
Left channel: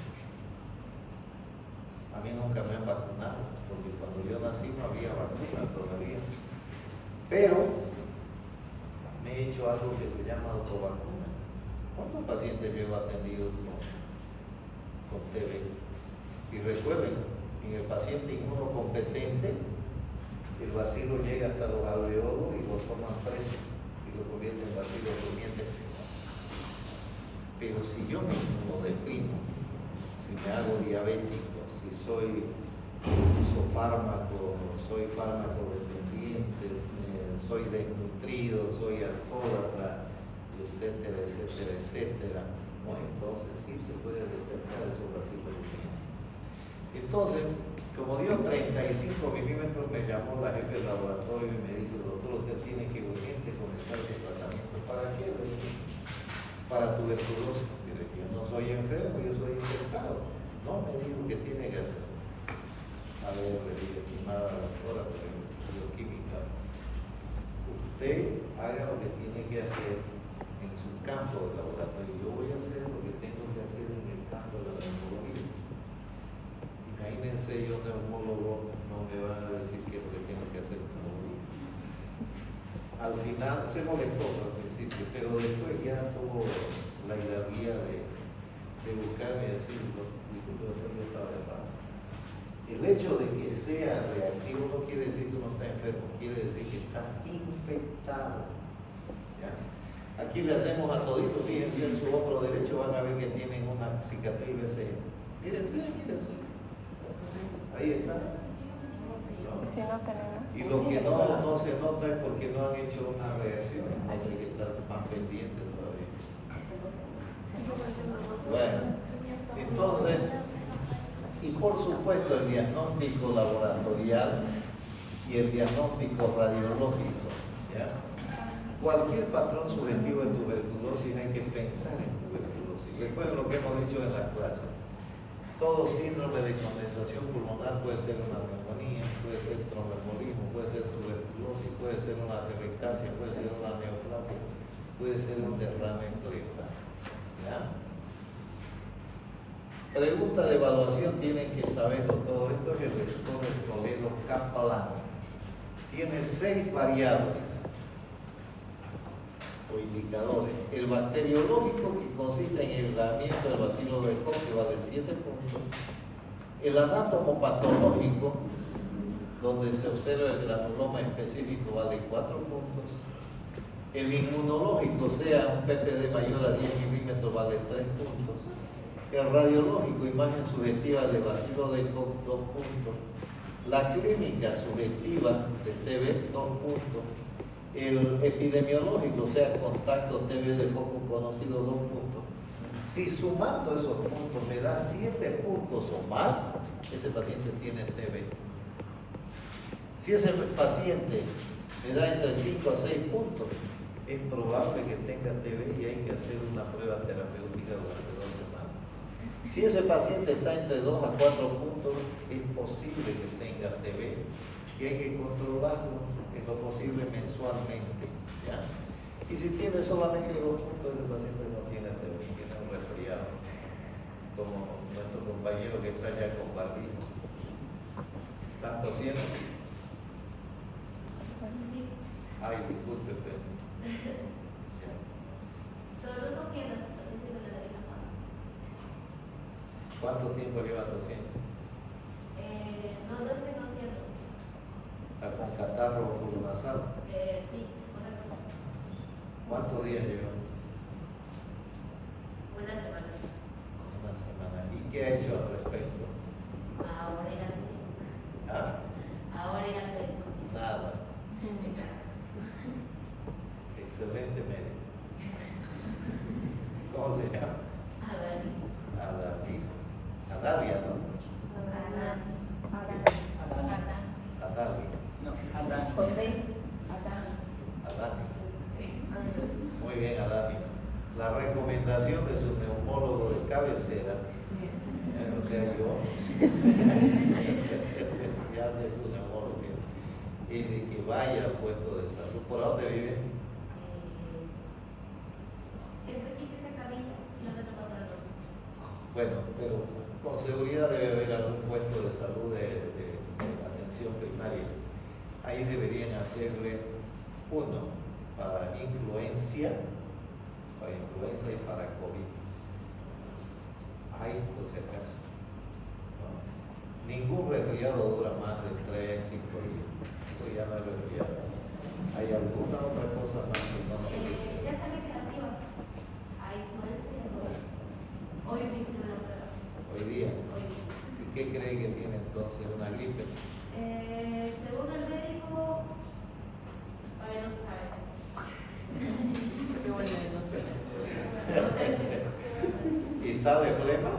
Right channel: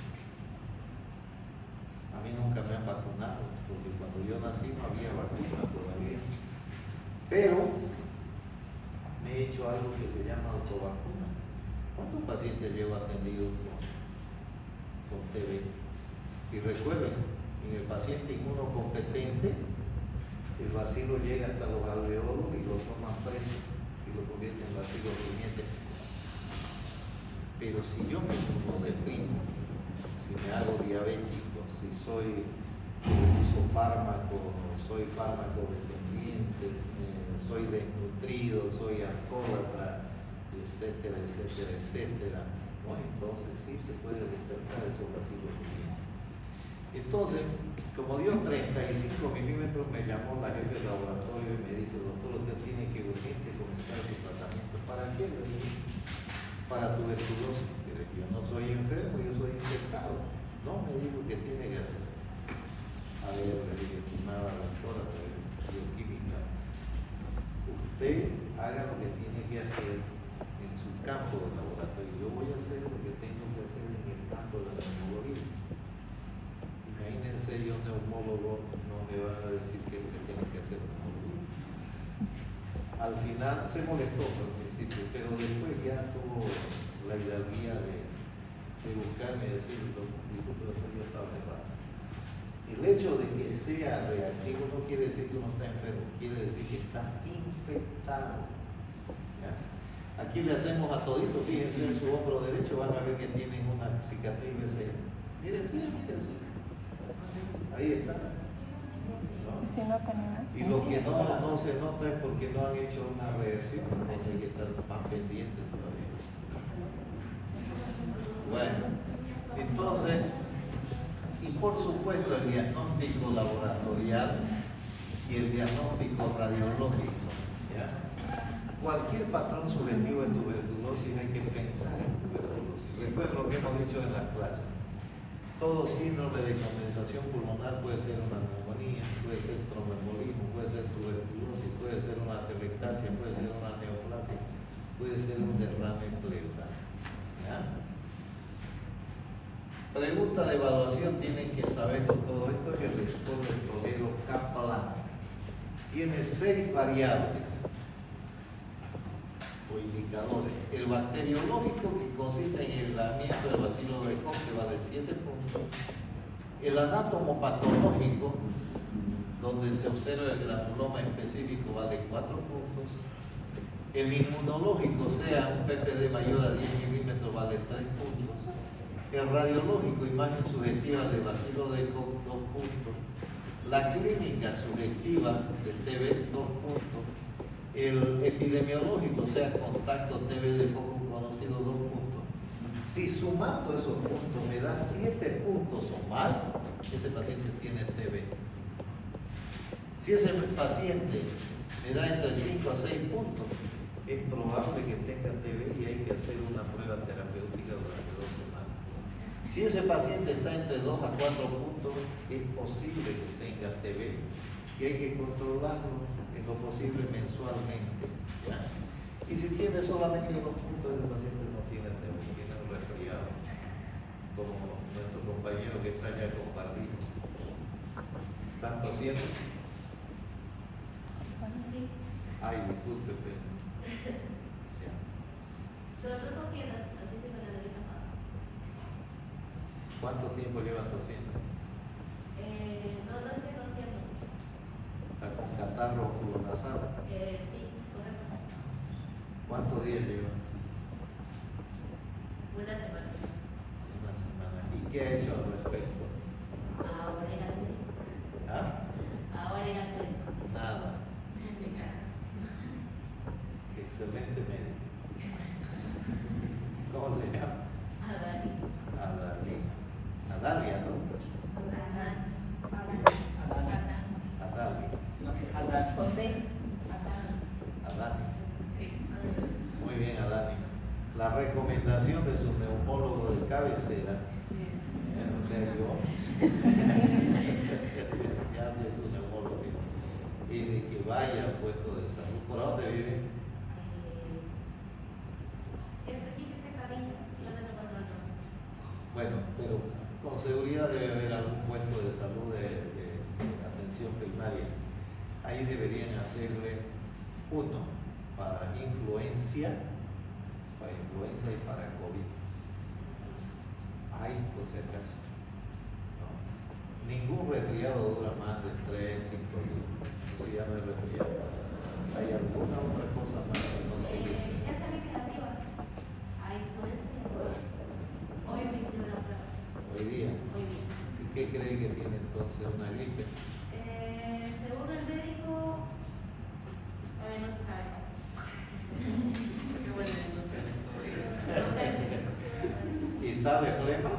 A mí nunca me han vacunado, porque cuando yo nací no había vacuna todavía. Pero me he hecho algo que se llama autovacuna. ¿Cuántos pacientes llevo atendido con TB? Y recuerden, en el paciente inmunocompetente, el bacilo llega hasta los alveolos y lo toman preso y lo convierten en bacilo durmiente. Pero si yo me inmunodeprimo, si me hago diabético, si uso fármaco, soy fármaco dependiente, soy desnutrido, soy alcohólatra, etcétera, etcétera, etcétera, ¿no? Entonces sí se puede detectar esos vacilos. Entonces, como dio 35 milímetros, me llamó la jefe del laboratorio y me dice: doctor, usted tiene que urgente comenzar su tratamiento. ¿Para qué? Para tuberculosis. Yo no soy enfermo, yo soy infectado. No, me dijo que tiene que hacer. A ver, le dije: estimada doctora bioquímica, usted haga lo que tiene que hacer en su campo de laboratorio. Yo voy a hacer lo que tengo que hacer en el campo de la neumología. Imagínense, yo neumólogo no me van a decir qué es lo que tengo que hacer como yo. Al final se molestó al principio, pero después ya tuvo la hidalguía de buscarme y decir: disculpe, yo estaba enfermo. El hecho de que sea reactivo no quiere decir que uno está enfermo, quiere decir que está infectado. ¿Ya? Aquí le hacemos a todito, fíjense en su hombro derecho, van a ver que tienen una cicatriz de ese. Mírense. Ahí está. ¿No? Y lo que no se nota es porque no han hecho una reacción, entonces hay que estar más pendientes todavía. Bueno, entonces, y por supuesto el diagnóstico laboratorial y el diagnóstico radiológico. ¿Ya? Cualquier patrón subjetivo de tuberculosis hay que pensar en tuberculosis. Recuerden lo que hemos dicho en la clase. Todo síndrome de condensación pulmonar puede ser una neumonía, puede ser tromboembolismo, puede ser tuberculosis, puede ser una atelectasia, puede ser una neoplasia, puede ser un derrame pleural. ¿Ya? Pregunta de evaluación, tienen que saber con todo esto, es el score del Toledo-Kaplan. Tiene 6 variables o indicadores. El bacteriológico, que consiste en el aislamiento del bacilo de Koch, que vale 7 puntos. El anatomopatológico, donde se observa el granuloma específico, vale 4 puntos. El inmunológico, sea un PPD mayor a 10 milímetros, vale 3 puntos. El radiológico, imagen subjetiva de bacilo de Koch, 2 puntos. La clínica subjetiva de TB, 2 puntos. El epidemiológico, sea contacto TB de foco conocido, 2 puntos. Si sumando esos puntos me da 7 puntos o más, ese paciente tiene TB. Si ese paciente me da entre 5 a 6 puntos, es probable que tenga TB y hay que hacer una prueba terapéutica durante 2 semanas. Si ese paciente está entre 2 a 4 puntos, es posible que tenga TB y hay que controlarlo en lo posible mensualmente, ¿ya? Y si tiene solamente 2 puntos, el paciente no tiene TB, tiene un resfriado, como nuestro compañero que está allá con barbijo. ¿Estás tosiendo? Sí. Ay, disculpe, pero... No tosiendo, así que me la nariz tapada. ¿Cuánto tiempo lleva tosiendo? No estoy tosiendo. ¿Con catarro o nasal? Sí, correcto. ¿Cuántos días lleva? Una semana. Una semana. ¿Y qué ha hecho al respecto? Ahora ir al médico. ¿Ah? Ahora ir al médico. Nada. Exacto. Excelente médico. ¿Cómo se llama? Adani. Adali. Adalia, ¿no? Adali. No, Adani. Adani. Sí. Muy bien, Adani. La recomendación de su neumólogo de cabecera, o sea, yo, ya sé su neumólogo, es de que vaya al puesto de salud. ¿Por dónde vive? El Felipe se cabilla, la tengo controlado. Bueno, pero con seguridad debe haber algún puesto de salud de atención primaria. Ahí deberían hacerle uno para influencia y para COVID. Hay, por si acaso. ¿No? Ningún resfriado dura más de 3, 5 días. Eso ya no es resfriado. ¿Hay alguna otra cosa más que no se dice? Ya sale negativa. A influencia y todo. Hoy me hicieron la prueba. Hoy día. Hoy. ¿Y qué cree que tiene entonces? ¿Una gripe? Según el médico, todavía no se sabe. Qué bueno, ¿Y sabe flema?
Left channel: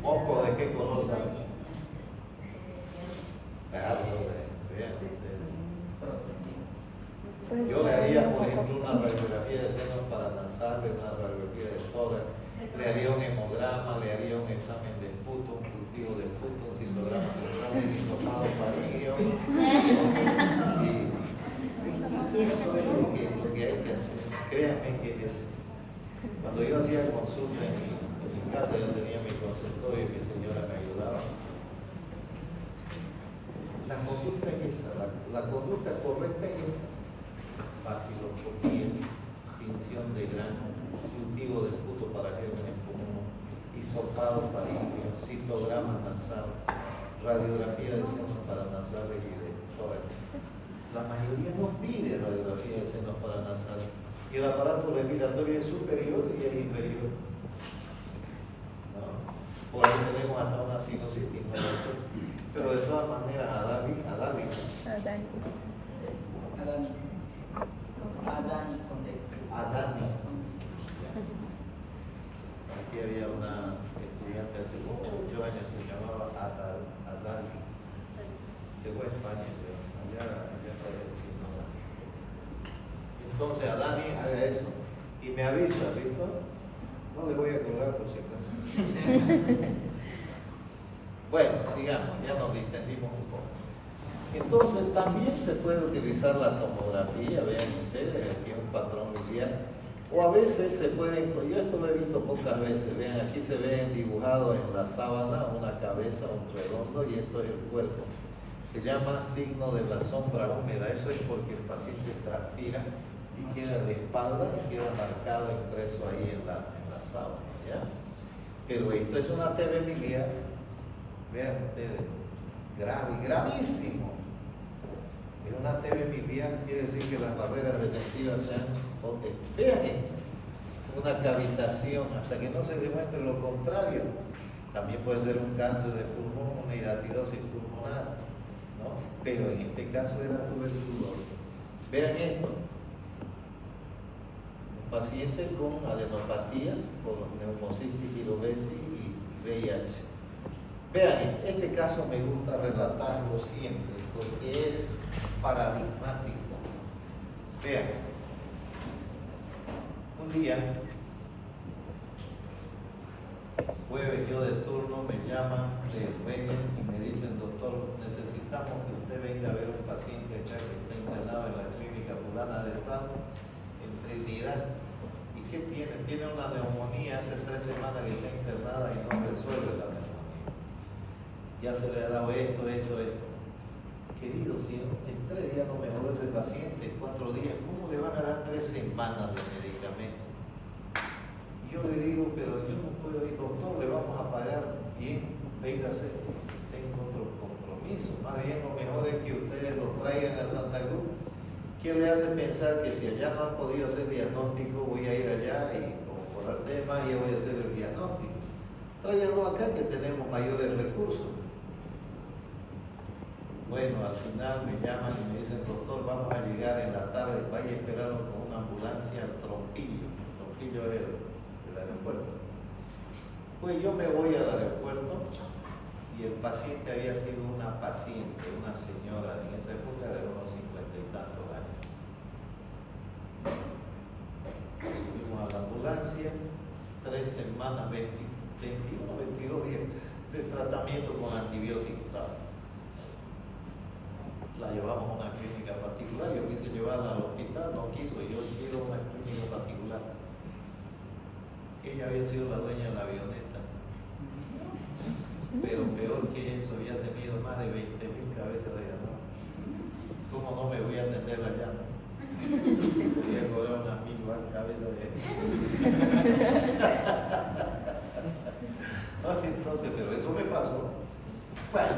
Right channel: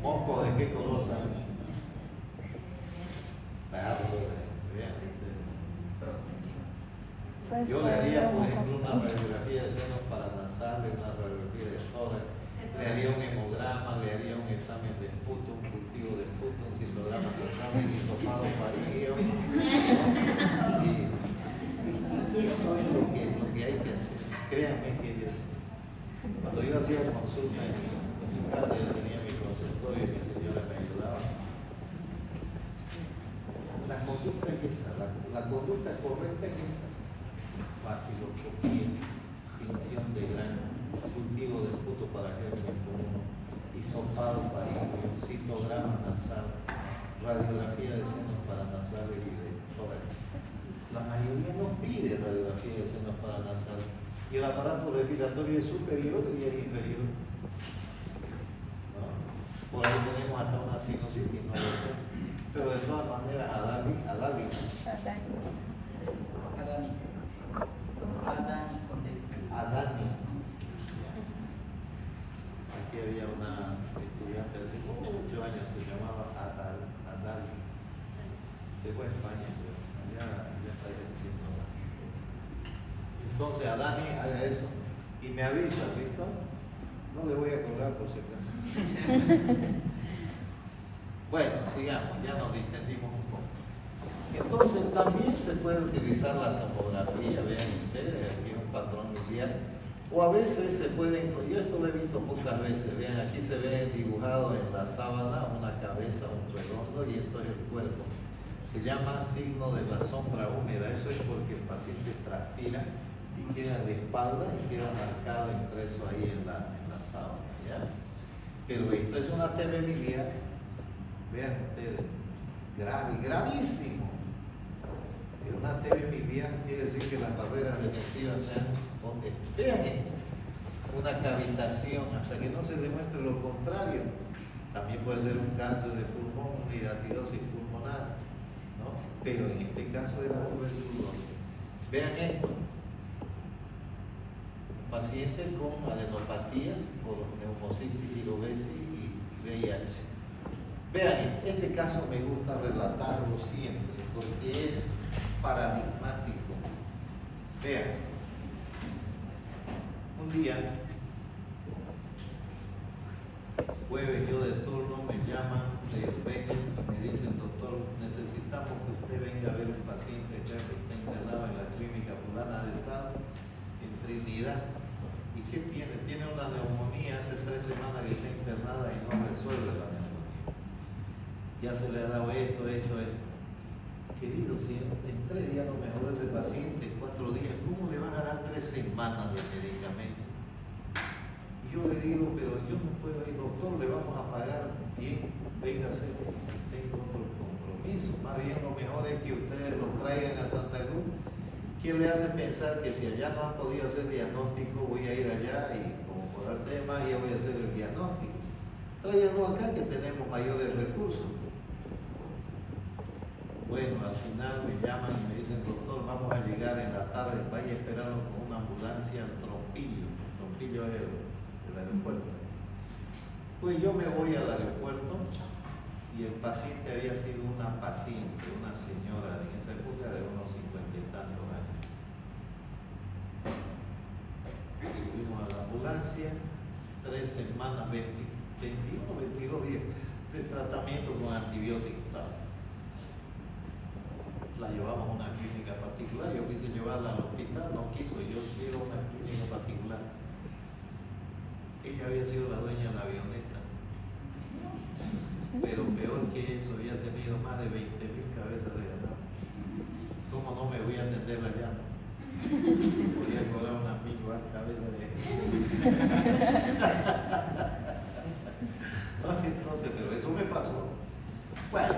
¿Moco de qué color sabe? Yo le haría, por ejemplo, una radiografía de senos paranasales, una radiografía de tórax, le haría un hemograma, le haría un examen de esputo, un cultivo de esputo, un citograma de sangre, un hisopado faríngeo. Y eso es lo que hay que hacer. Créanme que es. Cuando yo hacía consulta en mi casa, yo tenía mi consultorio y mi señora me ayudaba. La conducta es esa, la conducta correcta es esa. Vaciloscopía, tinción de grano, cultivo de esputo para gérmenes comunes, hisopado faríngeo, citograma nasal, radiografía de senos paranasales y de tórax. La mayoría no pide radiografía de senos paranasales y el aparato respiratorio es superior y es inferior. ¿No? Por ahí tenemos hasta una sinusitis, no lo sé. Pero de todas maneras, Adani. Con D. Adani. Aquí había una estudiante hace como 8 años, se llamaba Adani. Se fue a España, pero allá está diciendo. Entonces, Adani, haga eso y me avisa, ¿listo? No le voy a cobrar por si acaso. Bueno, sigamos, ya nos distendimos un poco. Entonces, también se puede utilizar la tomografía, vean ustedes, aquí un patrón miliar, o a veces se pueden, yo esto lo he visto pocas veces, vean, aquí se ve dibujado en la sábana una cabeza, un redondo, y esto es el cuerpo. Se llama signo de la sombra húmeda, eso es porque el paciente transpira y queda de espalda y queda marcado, impreso ahí en la sábana, ¿ya? Pero esto es una TB biliar, vean ustedes, grave, gravísimo. En una TB biliar quiere decir que las barreras defensivas sean, vean esto, una cavitación, hasta que no se demuestre lo contrario. También puede ser un cáncer de pulmón, una hidatidosis pulmonar, ¿no? Pero en este caso era tuberculosis. Vean esto. Un paciente con adenopatías por neumocitis, virobesis y VIH. Vean, este caso me gusta relatarlo siempre porque es paradigmático. Vean, un día Jueves yo de turno me llaman, vengan y me dicen, doctor, necesitamos que usted venga a ver un paciente acá que está internado en la clínica fulana de tal, en Trinidad. ¿Y qué tiene? Tiene una neumonía, hace 3 semanas que está internada y no resuelve la neumonía. Ya se le ha dado esto. Querido, si en 3 días no mejoró ese paciente, 4 días, ¿cómo le van a dar 3 semanas de medicamento? Y yo le digo, pero yo no puedo ir, doctor, le vamos a pagar bien, véngase, tengo otro compromiso. Más bien lo mejor es que ustedes los traigan a Santa Cruz. ¿Quién le hace pensar que si allá no han podido hacer diagnóstico, voy a ir allá y como por arte de magia voy a hacer el diagnóstico? Tráiganlo acá que tenemos mayores recursos. Bueno, al final me llaman y me dicen, doctor, vamos a llegar en la tarde, vaya a esperarlo con una ambulancia al Trompillo. Trompillo es el aeropuerto. Pues yo me voy al aeropuerto y el paciente había sido una paciente, una señora en esa época de unos 50 y tantos años. Subimos a la ambulancia, 3 semanas, 21 o 22 días de tratamiento con antibióticos. La llevamos a una clínica particular, yo quise llevarla al hospital, no quiso, yo quiero una clínica particular. Ella había sido la dueña de la avioneta, pero peor que eso, había tenido más de 20.000 cabezas de ganado. ¿Cómo no me voy a atender la llama? Podía cobrar una mil cabezas de no, entonces, pero eso me pasó. Bueno,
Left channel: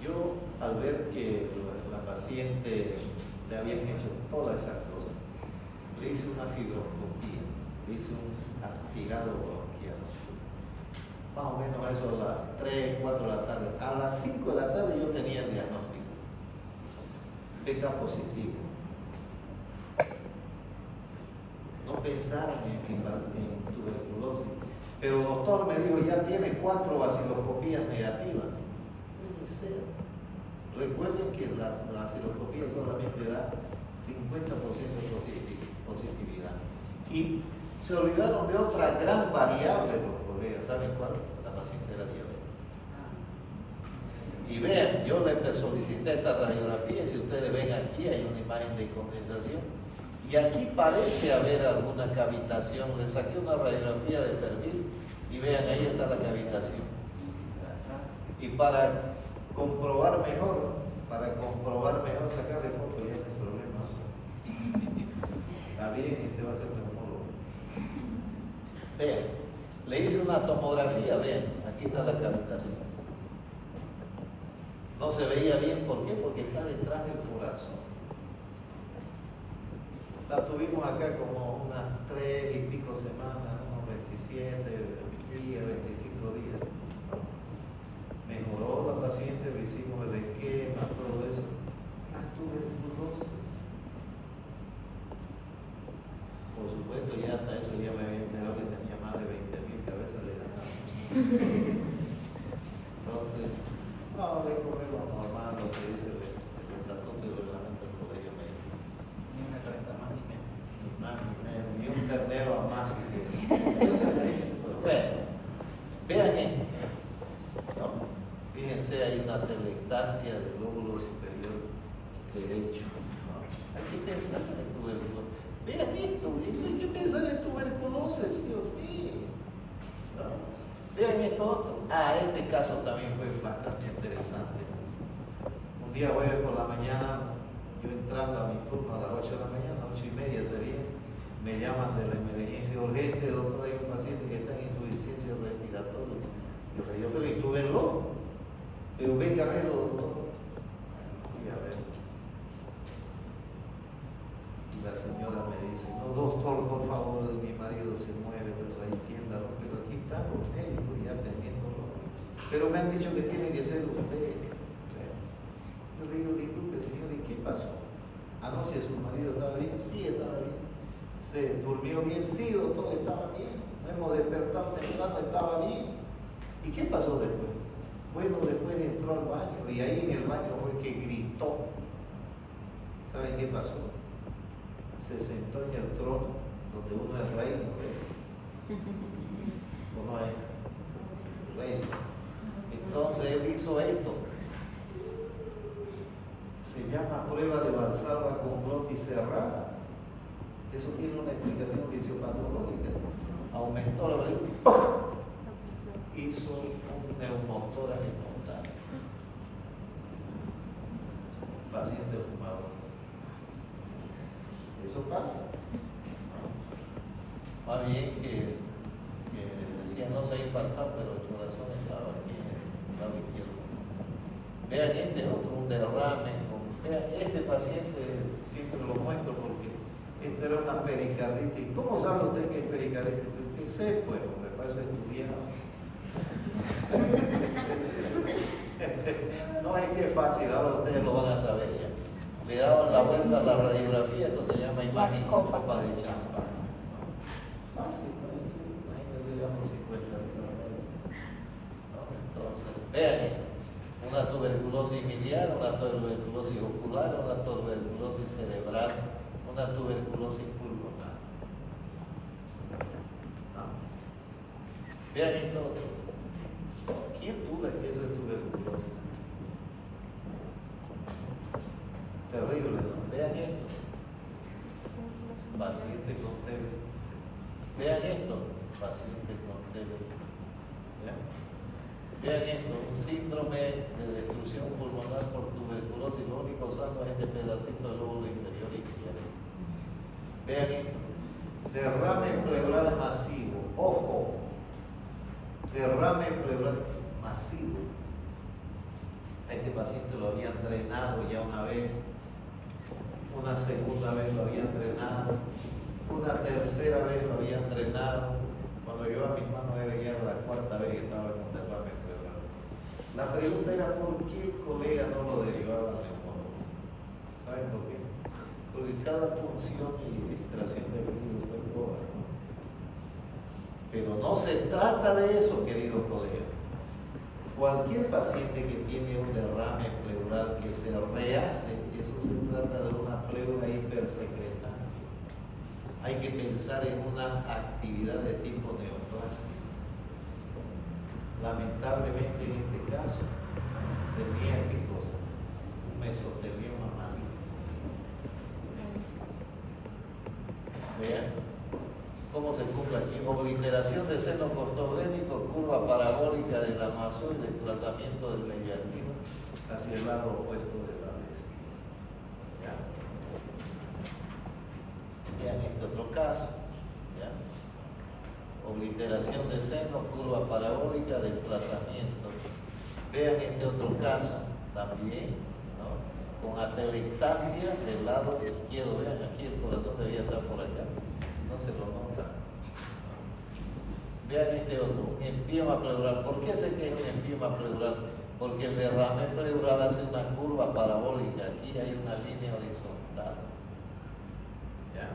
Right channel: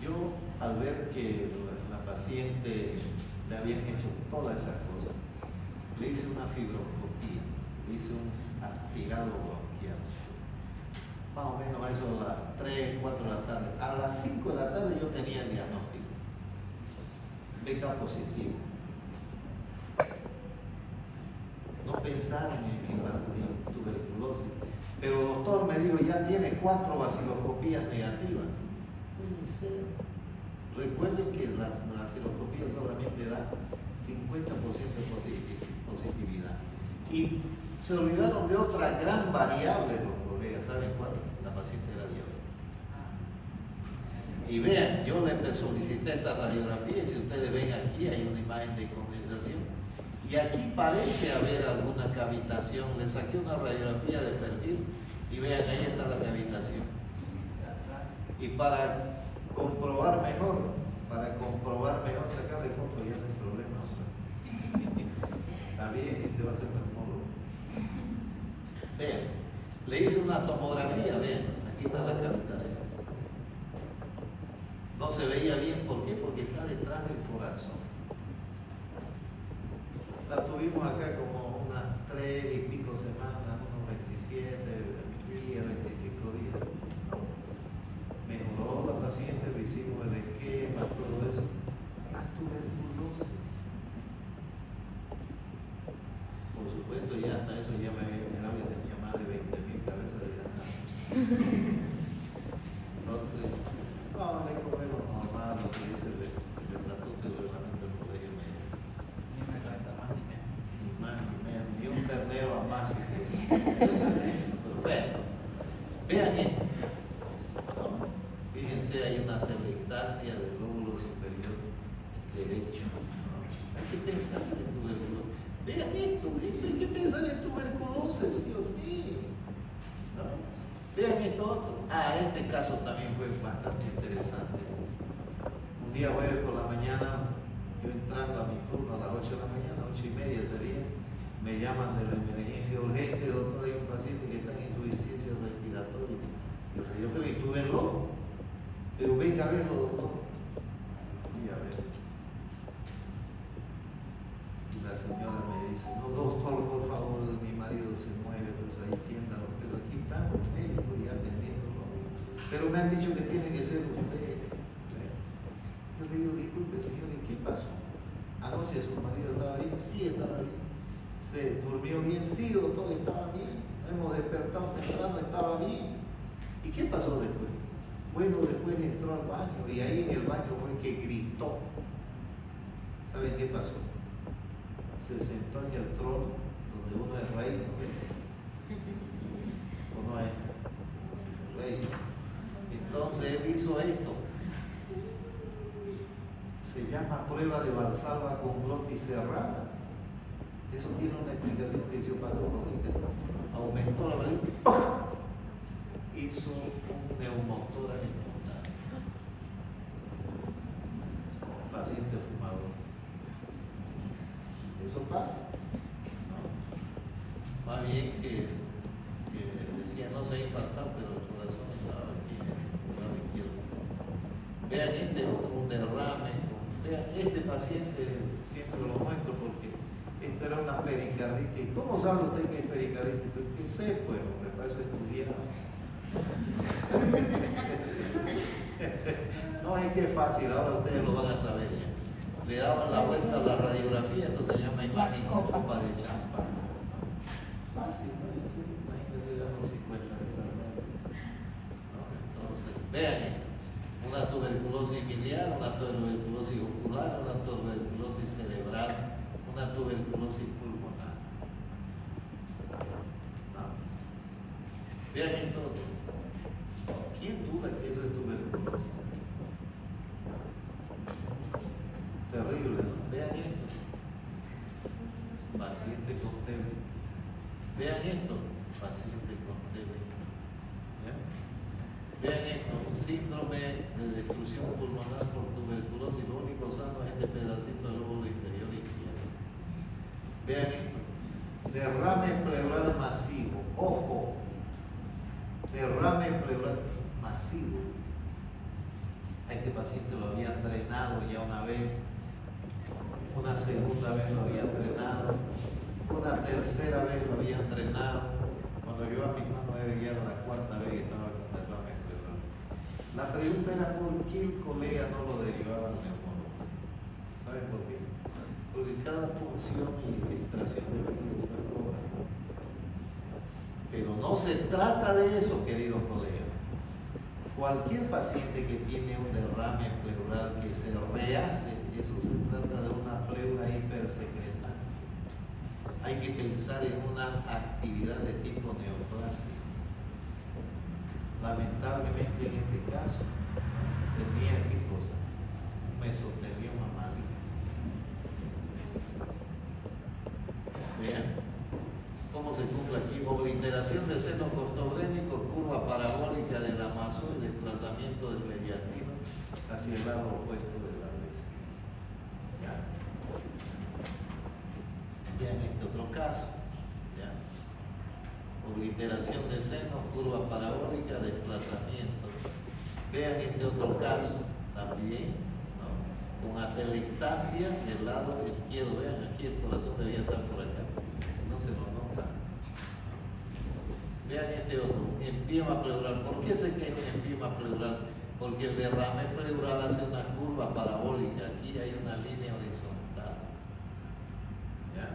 yo al ver que la paciente le habían hecho todas esas cosas, le hice una fibroscopía, le hice un aspirado bronquial. Más o menos a eso a las 3, 4 de la tarde. A las 5 de la tarde yo tenía el diagnóstico. Beca positivo. No pensaron en tuberculosis. Pero el doctor me dijo, ya tiene 4 baciloscopías negativas. Puede ser. Recuerden que la baciloscopía solamente da 50% de positividad. Y se olvidaron de otra gran variable, los colegas. ¿Saben cuál? La paciente era diabética. Y vean, yo le solicité esta radiografía y si ustedes ven aquí hay una imagen de condensación. Y aquí parece haber alguna cavitación. Le saqué una radiografía de perfil y vean, ahí está la cavitación. Y para comprobar mejor, sacarle foto, ya no hay problema. Está bien, este va a ser neumólogo. Vean, le hice una tomografía, vean, aquí está la cavitación. No se veía bien, ¿por qué? Porque está detrás del corazón. La tuvimos acá como unas 3 y pico semanas, unos 27 días, 25 días. Mejoró la paciente, le hicimos el esquema, todo eso. La tuberculosis. Por supuesto, ya hasta eso ya me había enterado que tenía más de 20.000 cabezas de ganado. Entonces, no, de comer lo normal, lo que dice el estatuto y el reglamento del colegio médico. Ni una cabeza más ni menos. Ni más ni menos, ni un ternero a más si quieren. Bueno, vean esto. ¿No? Fíjense, hay una telectasia del lóbulo superior derecho. ¿No? Hay que pensar en tuberculosis. Vean esto, hay que pensar en tuberculosis, sí o sí. ¿No? Vean esto otro. Este caso también fue bastante interesante. Un día jueves por la mañana, yo entrando a mi turno a las 8 de la mañana, 8:30 ese día, me llaman de la emergencia urgente, doctor, hay un paciente que está en insuficiencia respiratoria. Yo le digo, pero ¿y tú verlo? Pero venga a verlo, doctor. Y a ver. Y la señora me dice, no, doctor, por favor, mi marido se muere, pues ahí tienda, pero aquí están los médicos ya atendiendo. Pero me han dicho que tiene que ser usted. Yo le digo, disculpe, señor, ¿y qué pasó? Anoche su marido estaba bien, sí, estaba bien. Se durmió bien, sí, doctor, estaba bien. Hemos despertado temprano, estaba bien. ¿Y qué pasó después? Bueno, después entró al baño y ahí en el baño fue que gritó. ¿Saben qué pasó? Se sentó en el trono donde uno es rey, ¿no? ¿O no es? Entonces él hizo esto. Se llama prueba de Valsalva con glotis cerrada. Eso tiene una explicación fisiopatológica. Aumentó la presión, hizo un neumotórax espontáneo. Paciente fumador. Eso pasa. Más bien que decía no se ha infartado, pero el corazón estaba aquí en el lado izquierdo. Vean este otro, un derrame. Vean, este paciente siempre lo muestro porque esto era una pericarditis. ¿Cómo sabe usted que es pericarditis? Pues que sé, pues, hombre, para eso he estudiado. No, es que es fácil, ahora ustedes lo van a saber ya. Le daban la vuelta a la radiografía, entonces se llama imagen copa de champán. Fácil, ¿no? Sí, imagínense, damos 50 ¿no? Entonces, vean esto. Una tuberculosis miliar, una tuberculosis ocular, una tuberculosis cerebral, una tuberculosis pulmonar. ¿No? Vean esto otro. ¿Quién duda que eso es tuberculosis? Terrible, ¿no? Vean esto. Paciente con TB. Vean esto. Paciente con TB. ¿Ya? Vean esto, un síndrome de destrucción pulmonar por tuberculosis, lo único sano es este pedacito del lóbulo inferior izquierdo. Vean esto, derrame pleural masivo, ojo, derrame pleural masivo. A este paciente lo habían drenado ya una vez, una segunda vez lo habían drenado, una tercera vez lo habían drenado. Cuando yo a mis manos era ya la cuarta vez que estaba con derrame pleural. La pregunta era por qué el colega no lo derivaba al neumólogo. ¿Saben por qué? Porque cada punción y extracción de líquido fue cobra. Pero no se trata de eso, queridos colegas. Cualquier paciente que tiene un derrame pleural que se rehace, eso se trata de una pleura hipersecretante. Hay que pensar en una actividad de tipo neoplasia. Lamentablemente en este caso tenía qué cosa, un mesotelioma maligno. Vean cómo se cumple aquí: obliteración del seno costoglénico, curva parabólica de Damaso y desplazamiento del mediastino hacia el lado opuesto de la vesícula. ¿Ya? Vean este otro caso. ¿Ya? Obliteración de seno, curva parabólica, desplazamiento. Vean este otro caso también, ¿no? Con atelectasia del lado izquierdo. Vean aquí el corazón debía estar por acá, no se lo nota. Vean este otro, un empiema pleural. ¿Por qué sé que es un empiema pleural? Porque el derrame pleural hace una curva parabólica. Aquí hay una línea horizontal. ¿Ya?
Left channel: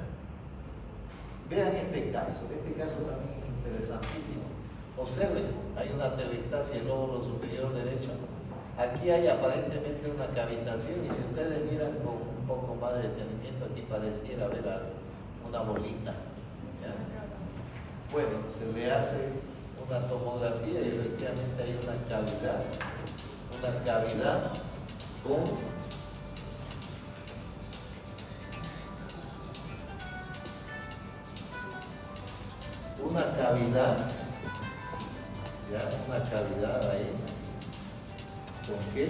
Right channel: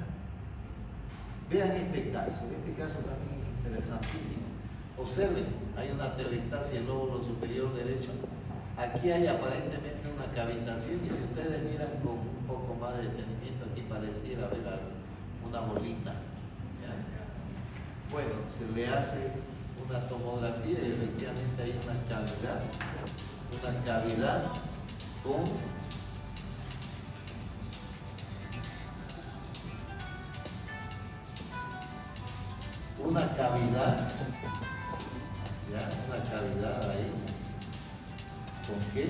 Vean este caso también es interesantísimo. Observen, hay una atelectasia del lóbulo superior derecho. Aquí hay aparentemente una cavitación y si ustedes miran con un poco más de detenimiento, aquí pareciera haber una bolita. ¿Ya? Bueno, se le hace una tomografía y efectivamente hay una cavidad con una cavidad ahí. ¿Con qué?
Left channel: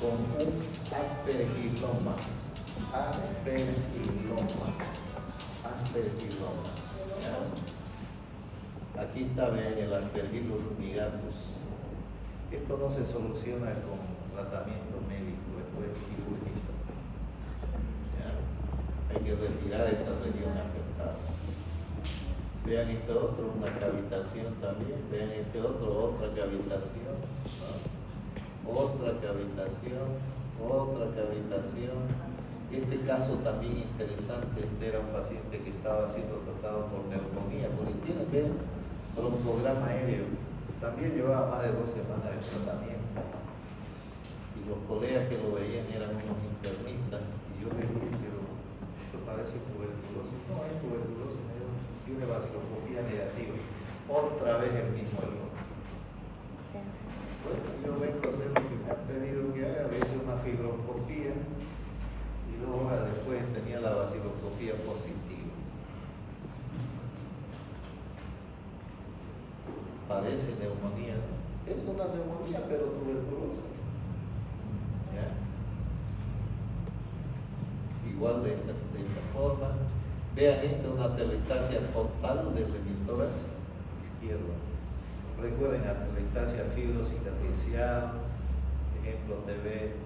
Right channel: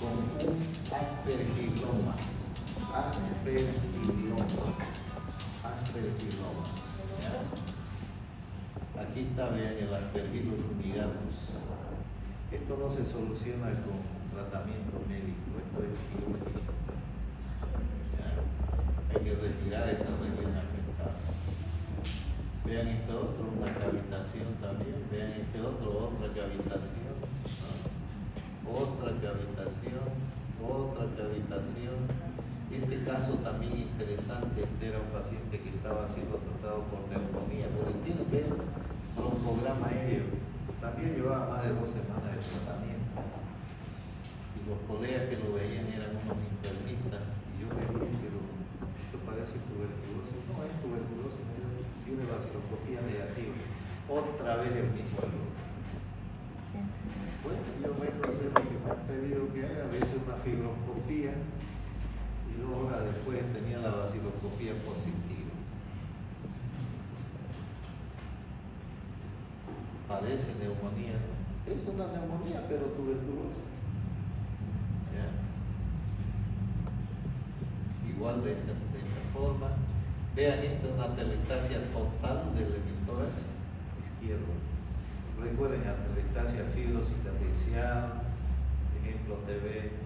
Con un aspergiloma. ¿Ya? Aquí está, vean, el Aspergillus fumigatus. Esto no se soluciona con tratamiento médico, esto es quirúrgico. ¿Ya? Hay que retirar esa región afectada. Vean este otro, una cavitación también. Vean este otro, otra cavitación. ¿No? Otra cavitación. Este caso también interesante, este era un paciente que estaba siendo tratado por neumonía, porque tiene, vean, broncograma aéreo. También llevaba más de 2 semanas de tratamiento. Y los colegas que lo veían eran unos internistas. Y yo le dije, pero esto parece tuberculosis. No es tuberculosis, tiene vasculoscopía negativa. Otra vez el mismo error. Bueno, yo vengo a hacer lo que me han pedido que haga, le hice una fibroscopía y 2 horas después tenía la baciloscopía positiva. Parece neumonía, ¿no? Es una neumonía, pero tuberculosa. ¿Ya? Igual de esta forma. Vean, esta es una atelectasia total del hemitórax izquierdo. Recuerden, atelectasia fibrocicatricial, ejemplo TV,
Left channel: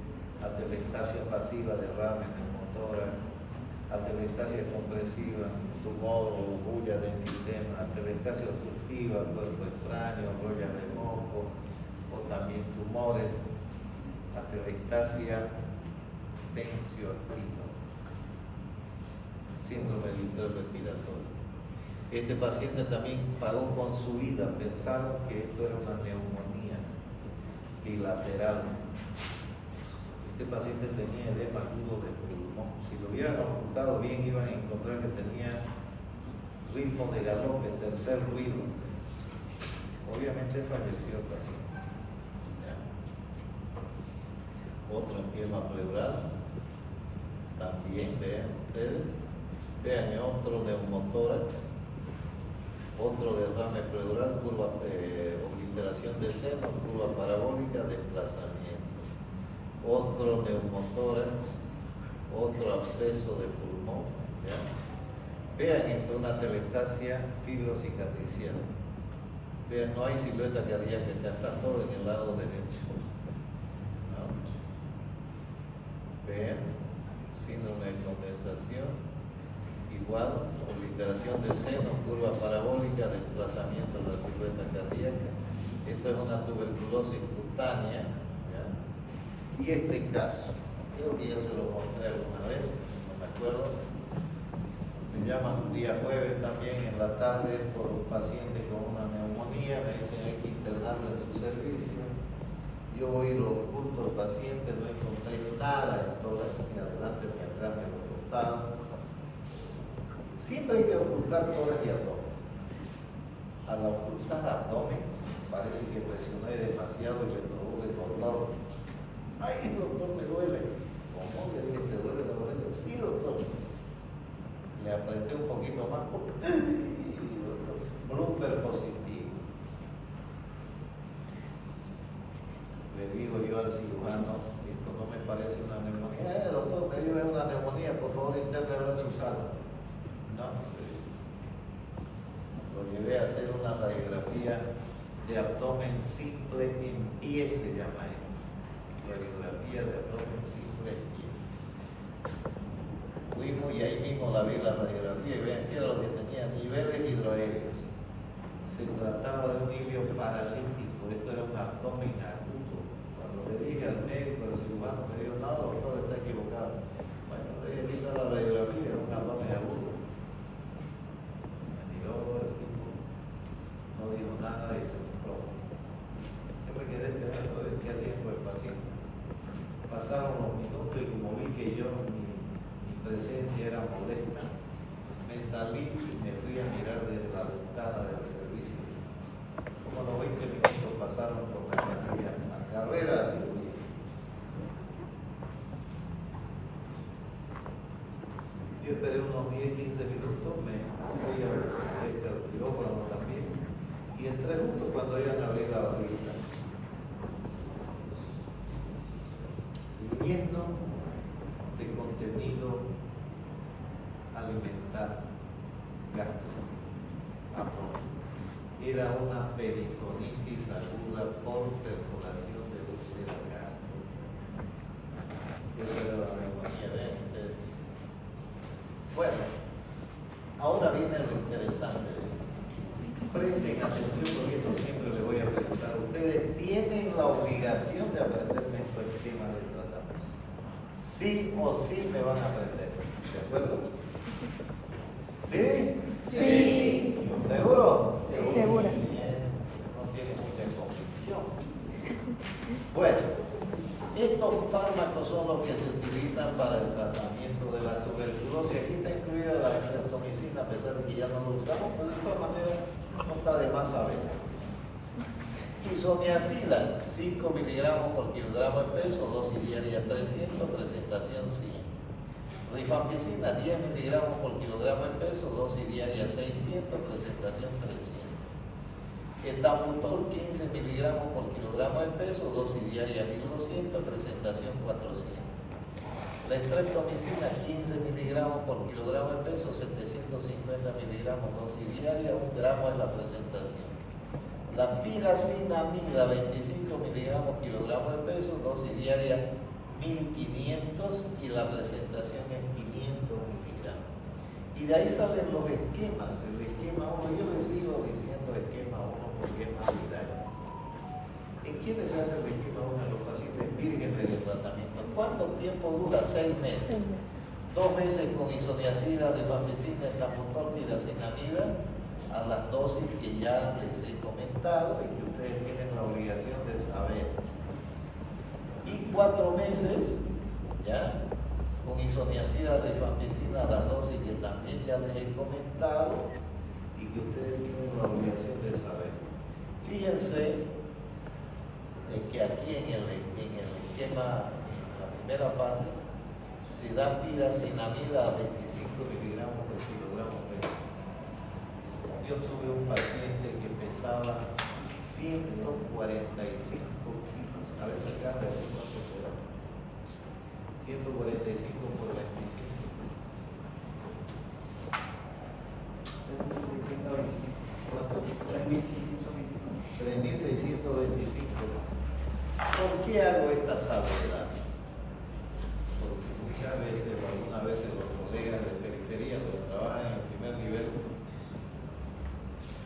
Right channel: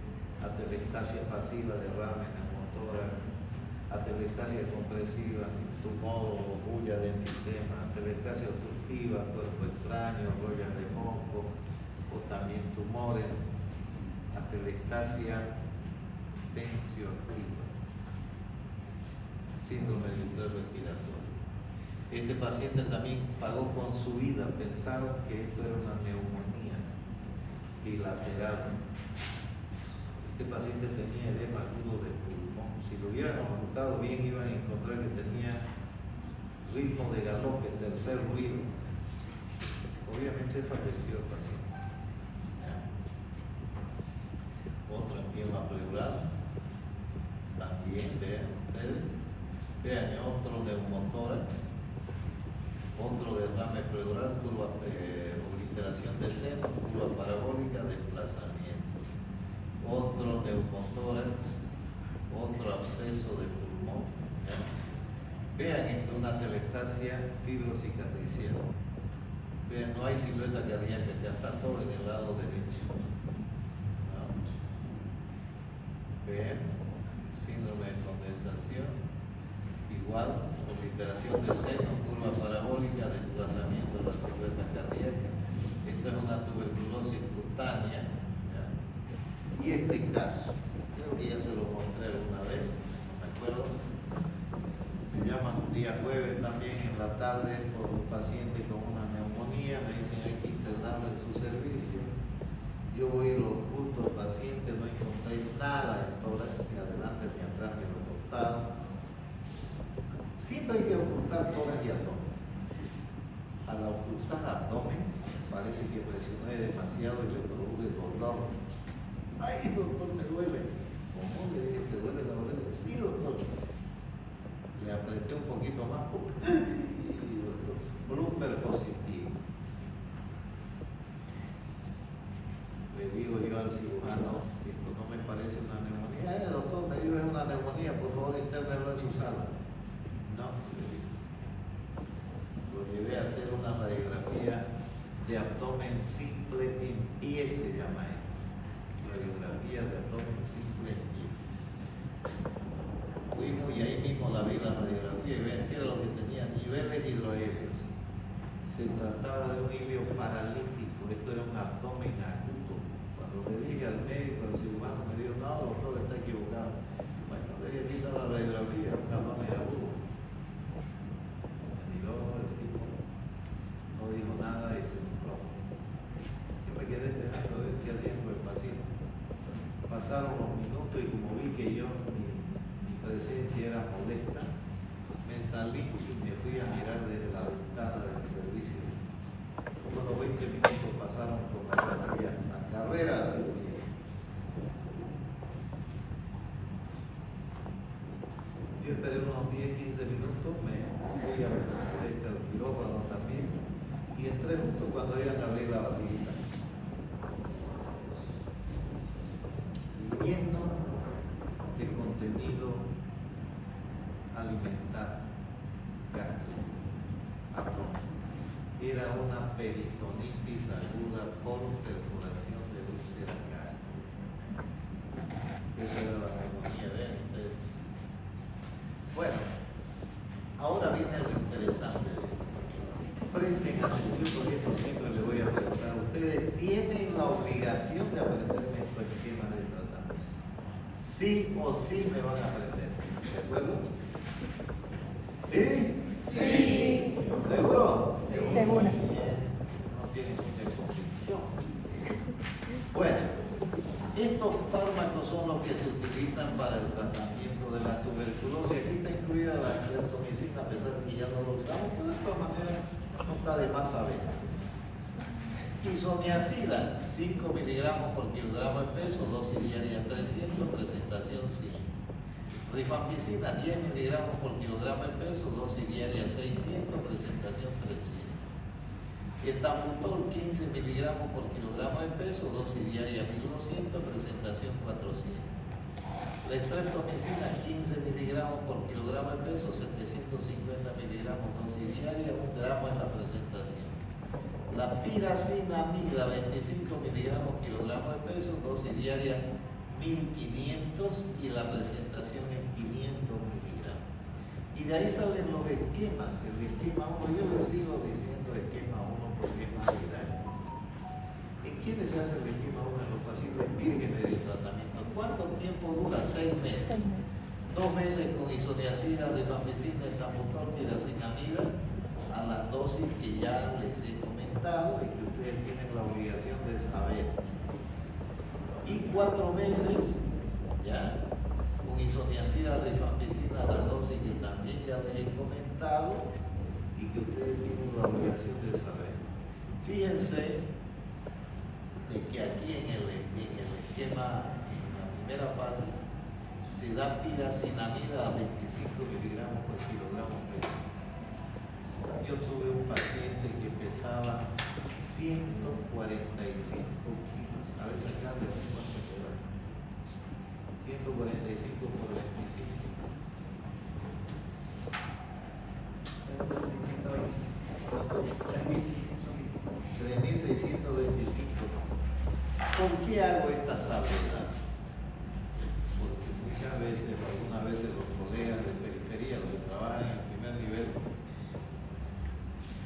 atelectasia pasiva, derrame en el motórax, atelectasia compresiva, tumor o bulla de enfisema, atelectasia obstructiva, cuerpo extraño, rollas de moco, o también tumores, atelectasia tensioactiva, síndrome del respiratorio. Este paciente también pagó con su vida, pensaron que esto era una neumonía bilateral. Este paciente tenía edema agudo de pulmón. Si lo hubieran ocultado bien, iban a encontrar que tenía ritmo de galope, tercer ruido. Obviamente falleció el paciente. ¿Ya? Otro empiema pleural. También, vean ustedes. Vean, otro neumotórax. Otro derrame pleural, curva, obliteración de seno, curva parabólica, desplazamiento. Otro neumotórax, otro absceso de pulmón. ¿Ya? Vean esto, una atelectasia fibrocicatricial. Vean, no hay silueta cardíaca, acá está todo en el lado derecho. ¿No? Vean, síndrome de condensación. Igual, obliteración de seno, curva parabólica, desplazamiento de la silueta cardíaca. Esto es una tuberculosis cutánea. ¿Ya? Y este caso, creo que ya se lo mostré alguna vez, no me acuerdo. Me llaman un día jueves también en la tarde por un paciente con una neumonía, me dicen hay que internarlo en su servicio. Yo voy y lo oculto al paciente, no encontré nada en tórax, ni adelante, ni atrás, ni en los costados. Siempre hay que ocultar tórax y abdomen. Al ocultar abdomen, parece que presioné demasiado y le produce dolor. ¡Ay, doctor, me duele! ¿Cómo le dije, te duele la oreja? Sí, doctor. Le apreté un poquito más porque Bloomberg positivo. Le digo yo al cirujano, esto no me parece una neumonía. Doctor, me dijo es una neumonía, por favor intérnelo en su sala. No, lo llevé a hacer una radiografía de abdomen simple en pie, se llama esto. Radiografía de abdomen simple en pie. Fuimos y ahí mismo la vi la radiografía y vean que era lo que tenía, niveles hidroaéreos. Se trataba de un hilio paralítico, esto era un abdomen agudo. Cuando le dije al médico, al cirujano, me dijo, no, doctor, está equivocado. Bueno, le dije, viste la radiografía, un abdomen agudo. Me miró el tipo, no dijo nada y se mostró. Yo me quedé esperando a ver qué hacían con el paciente. Pasaron los minutos y como vi que yo, mi presencia era molesta, me salí y me fui a mirar desde la ventana del servicio. Como los 20 minutos pasaron con la camilla a carrera de cirugía. Yo esperé unos 10-15 minutos, me fui al quirófano también y entré justo cuando iban a abrir la barriguita. Lleno de contenido alimentar gástrico, abdomen. Era una peritonitis aguda por perforación de úlcera gástrica. Esa era la neumonía, vean ustedes. Bueno, ahora viene lo interesante de esto. Presten atención porque esto siempre les voy a preguntar. Ustedes tienen la obligación de aprenderme estos esquemas de tratamiento. Sí o sí me van a aprender. ¿De acuerdo? ¿Sí? Sí. ¿Seguro? Seguro. Bien, no tiene mucha convicción. Bueno, estos fármacos son los que se utilizan para el tratamiento de la tuberculosis. Aquí está incluida la streptomicina, a pesar de que ya no lo usamos, pero de todas maneras no está de más saber. Isoniazida, 5 miligramos por kilogramo de peso, dosis diaria 300, presentación 100. Rifampicina, 10 miligramos por kilogramo de peso, dosis diaria 600, presentación 300. Etambutol, 15 miligramos por kilogramo de peso, dosis diaria 1200, presentación 400. La streptomicina, 15 miligramos por kilogramo de peso, 750 miligramos dosis diaria, 1 gramo es la presentación. La piracinamida, 25 miligramos kilogramo de peso, dosis diaria 1500 y la presentación es 500 miligramos. Y de ahí salen los esquemas. El esquema 1, yo les sigo diciendo esquema 1 porque es más didáctico. ¿En quiénes se hace el esquema 1? En los pacientes vírgenes de tratamiento. ¿Cuánto tiempo dura? 6 meses. 2 meses con isoniazida, rifampicina, etambutol, piracinamida, a las dosis que ya les he comentado y que ustedes tienen la obligación de saber. Y 4 meses, ¿ya? Con isoniazida, rifampicina, a las dosis que también ya les he comentado y que ustedes tienen la obligación de saber. Fíjense de que aquí en el esquema, en la primera fase, se da piracinamida a 25 miligramos por kilogramo de peso. Yo tuve un paciente que pesaba 145 kilos. A ver, sacarle a ver cuánto será. 145 por 25. 3.625. ¿Cuánto es? 3.625. 3.625. ¿Por qué hago esta salvedad? Porque muchas veces, o algunas veces, los colegas de periferia, los que trabajan en el primer nivel,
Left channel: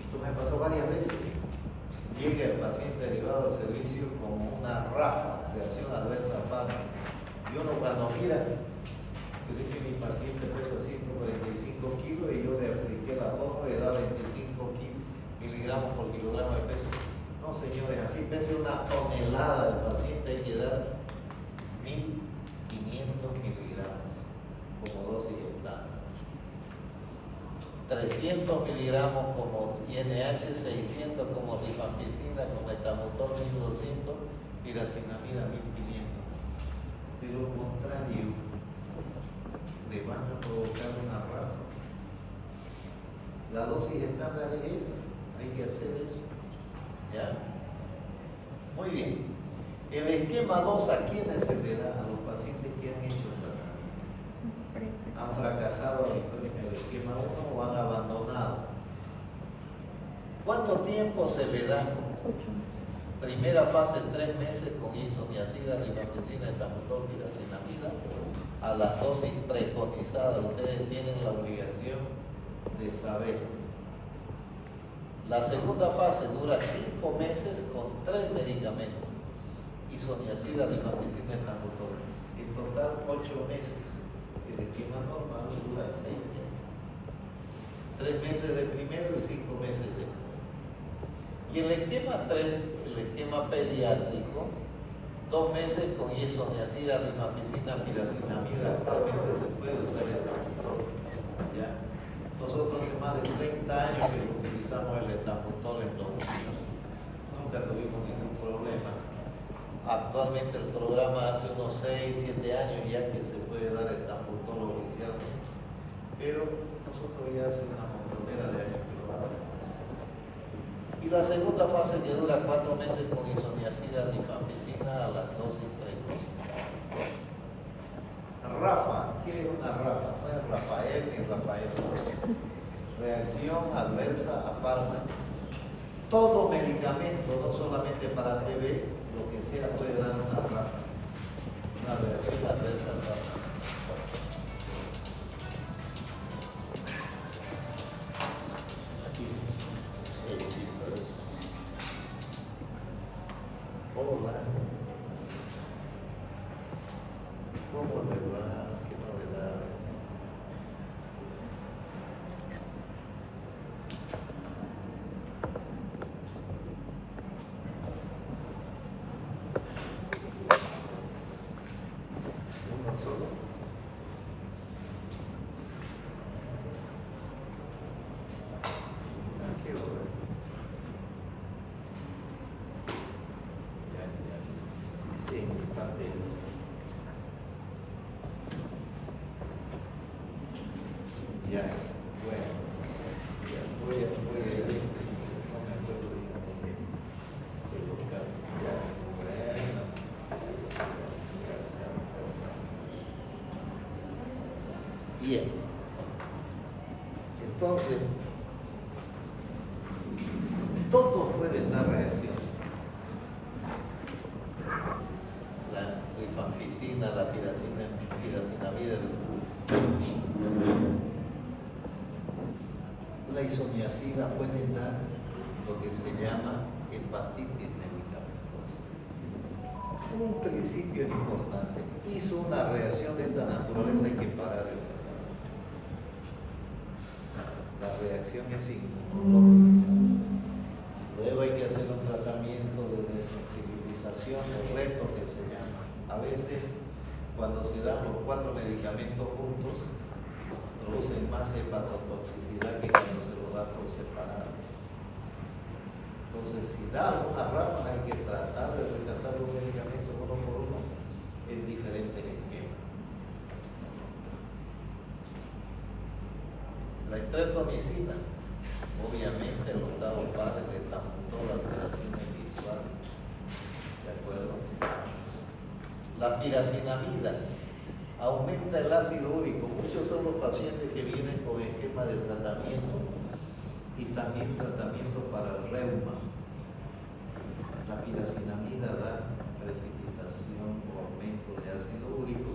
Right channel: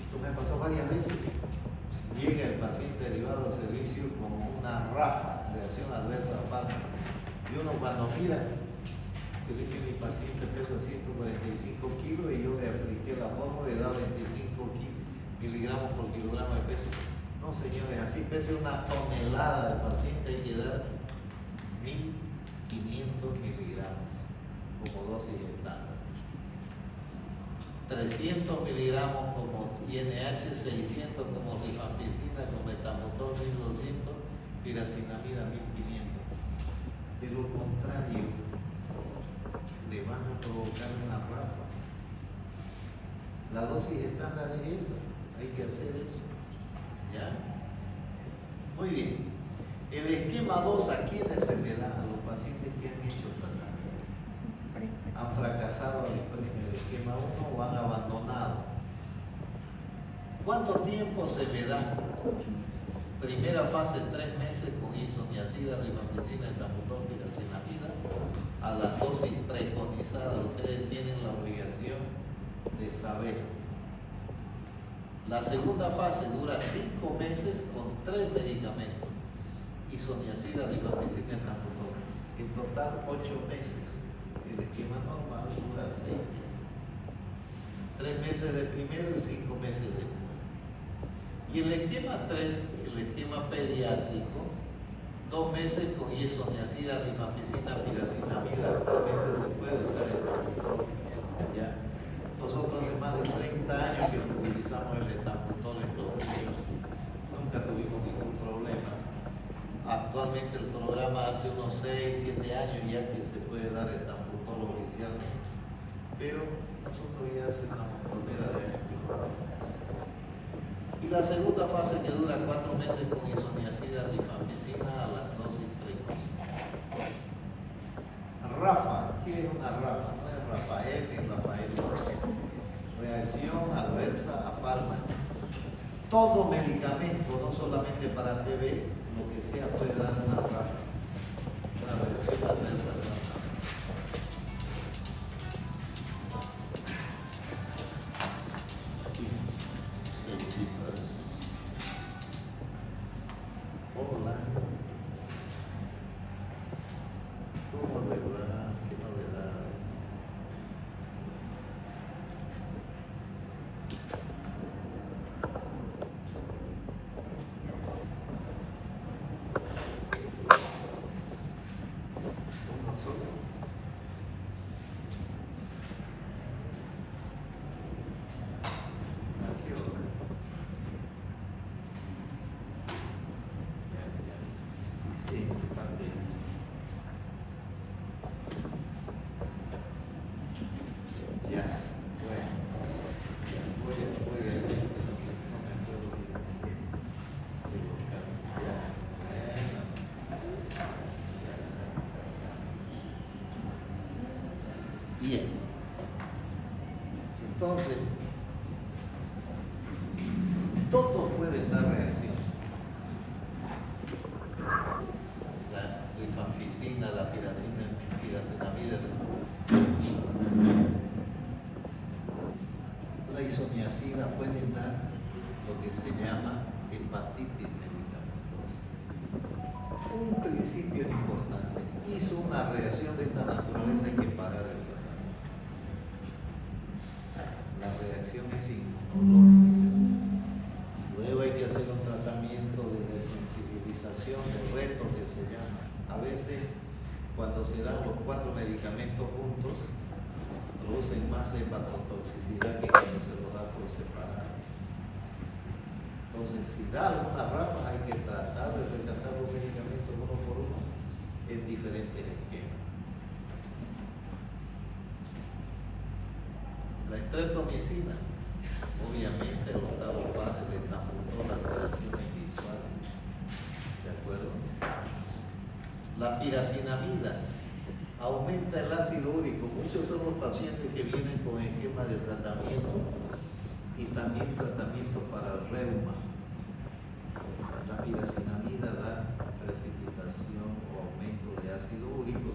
esto me pasó varias veces, llega el paciente derivado del servicio como una rafa, reacción adversa a fármaco. Y uno cuando mira, yo dije mi paciente pesa 145 kilos y yo le apliqué la fórmula y le da 25 miligramos por kilogramo de peso. No, señores, así pese una tonelada del paciente, hay que dar 1500 miligramos como dosis estándar. 300 miligramos como INH, 600 como rifampicina, como etambutol 1200, piracinamida 1500. De lo contrario, le van a provocar una ráfaga. La dosis estándar es esa, hay que hacer eso. ¿Ya? Muy bien. El esquema 2, ¿a quiénes se le da? A los pacientes que han hecho el tratamiento. ¿Han fracasado en el esquema 1 o han abandonado? ¿Cuánto tiempo se le da? 8. Primera fase, 3 meses con isoniazida, rifampicina, etambutol, piracinamida, a las dosis preconizadas. Ustedes tienen la obligación de saber. La segunda fase dura 5 meses con 3 medicamentos, isoniazida, rifampicina, etambutol. En total 8 meses. El esquema normal dura 6 meses. 3 meses de primero y 5 meses de después. Y el esquema 3, el esquema pediátrico, 2 meses con isoniazida, rifampicina, piracinamida. Actualmente se puede usar el etambutol. ¿Ya? Nosotros hace más de 30 años que utilizamos el etambutol en los niños. Nunca tuvimos ningún problema. Actualmente el programa hace unos 6, 7 años ya que se puede dar el etambutol oficialmente. Pero nosotros ya hace una montonera de años que lo damos. Y la segunda fase que dura 4 meses con isoniazida, rifampicina a las dosis preconizadas. Rafa, ¿qué es una Rafa? No es Rafael ni Rafael. Reacción adversa a fármaco. Todo medicamento, no solamente para TB, lo que sea puede dar una Rafa. Una reacción adversa a fármaco. Hola. ¿Cómo le va? ¿Qué novedades? ¿Uno solo? ¿A qué hora? Ya, bueno. Ya, voy a ir, no me acuerdo bien de los cambios. Ya, bueno. Bien. Entonces, todos pueden dar reacción. La rifampicina, la piracenamida, la isoniazida pueden dar lo que se llama hepatitis medicamentosa. Un principio importante: hizo una reacción de esta naturaleza, hay que parar el tratamiento. La reacción es inmunológica. Luego hay que hacer un tratamiento de desensibilización, de reto que se llama. A veces, cuando se dan los 4 medicamentos juntos, producen más hepatotoxicidad que cuando se los da por separado. Entonces, si da alguna ráfaga, hay que tratar de rescatar los medicamentos uno por uno en diferentes esquemas. La streptomicina, obviamente, el octavo padre le apuntó las alteraciones visuales. ¿De acuerdo? La piracinamida aumenta el ácido úrico. Muchos son los pacientes que vienen con esquema de tratamiento y también tratamiento para el reuma. La piracinamida da precipitación o aumento de ácido úrico,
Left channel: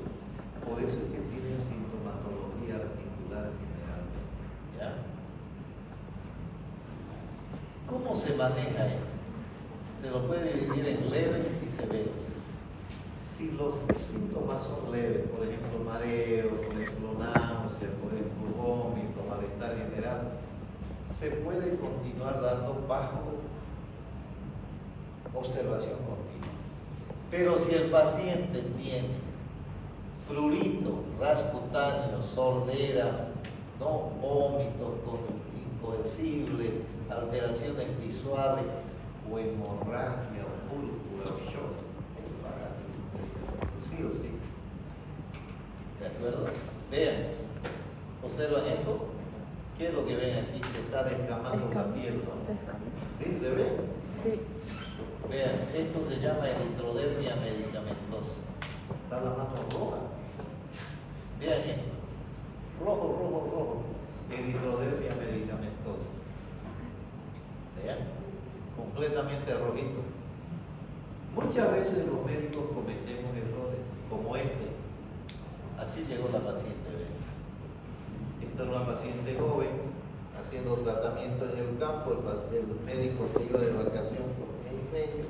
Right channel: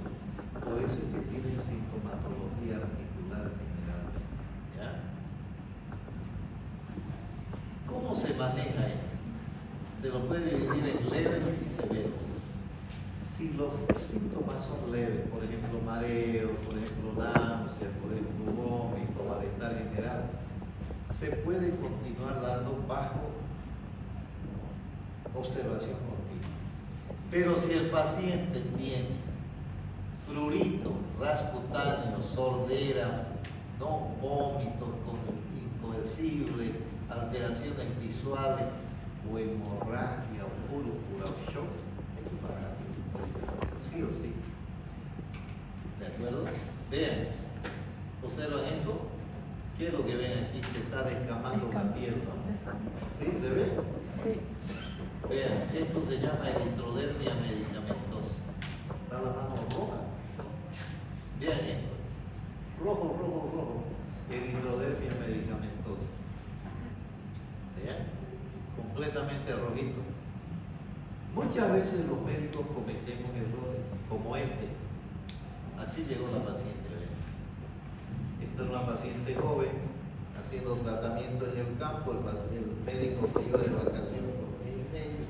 por eso es que tienen sintomatología articular generalmente. ¿Ya? ¿Cómo se maneja esto? Se lo puede dividir en leves y severos. Si los síntomas son leves, por ejemplo mareo, por ejemplo náuseas, por ejemplo vómito, malestar general, se puede continuar dando bajo observación continua. Pero si el paciente tiene prurito, ras cutáneo, sordera, ¿no? Vómitos incoercibles, alteraciones visuales o hemorragia o púrpura o shock, hay que parar. Sí o sí. ¿De acuerdo? Vean, observan esto. ¿Qué es lo que ven aquí? Se está descamando la piel, ¿no? ¿Sí? ¿Se ve? Sí. Vean, esto se llama eritrodermia medicamentosa. Está la mano roja. Vean esto. Rojo, rojo, rojo. Eritrodermia medicamentosa. Vean, completamente rojito. Muchas veces los médicos cometemos errores, como este. Así llegó la paciente, ¿ven? Esta es una paciente joven, haciendo tratamiento en el campo. El médico se iba de vacación por mes y medio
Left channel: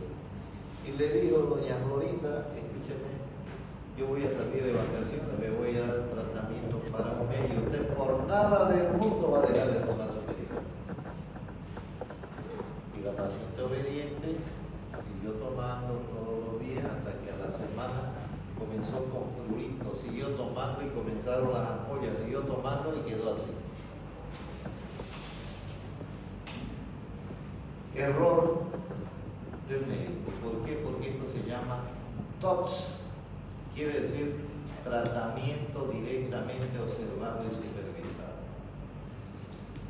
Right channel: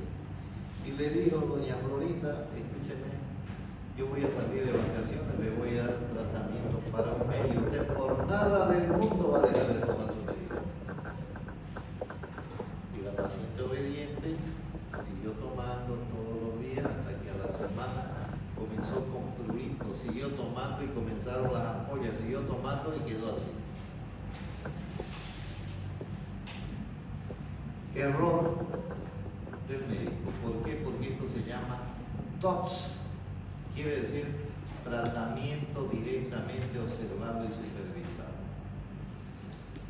y le dijo: doña Florinda, escúcheme, yo voy a salir de vacaciones, le voy a dar tratamiento para un mes y usted por nada del mundo va a dejar de tomar su medicamento. Y la paciente obediente siguió tomando todos los días hasta que a la semana comenzó con prurito, siguió tomando y comenzaron las ampollas, siguió tomando y quedó así. Error del médico. ¿Por qué? Porque esto se llama TOTS, quiere decir tratamiento directamente observado y supervisado.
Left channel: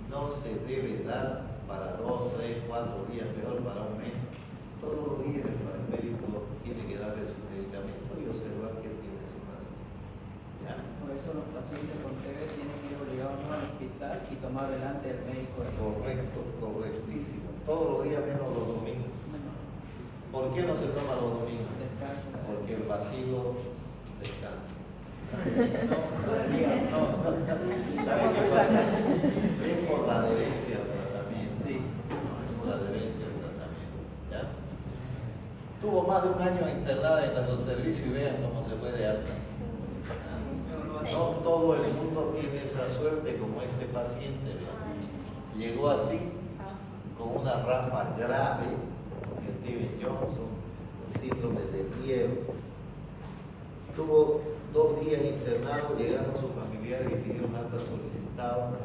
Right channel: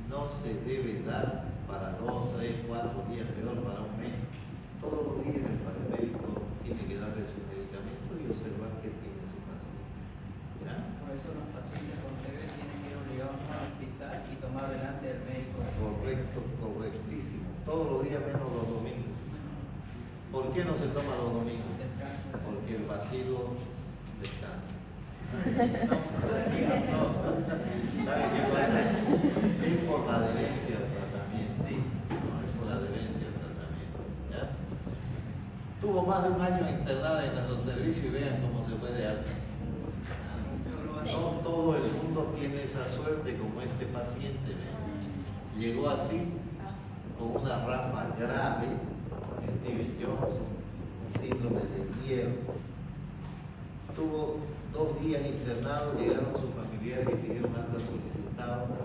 No se debe dar para 2, 3, 4 días, peor para un mes. Todos los días el médico tiene que darle su medicamento y observar qué tiene su paciente. ¿Ya? Por eso los pacientes con TB tienen que ir obligados al hospital y tomar delante del médico. Correcto, correctísimo. Todos los días menos los domingos. ¿Por qué no se toma los domingos? Descanso. Porque el vacilo descansa. ¿Sabe qué pasa? Es por la adherencia al tratamiento. Sí. Es por la adherencia al tratamiento. ¿Ya? Tuvo más de un año internada en nuestro servicio y vean cómo se fue de alta. No todo el mundo tiene esa suerte como este paciente. ¿Vean? Llegó así, con una ráfaga grave, Steven Johnson, un síndrome de hielo. Tuvo 2 días internado, llegaron sus familiares y pidieron alta solicitado,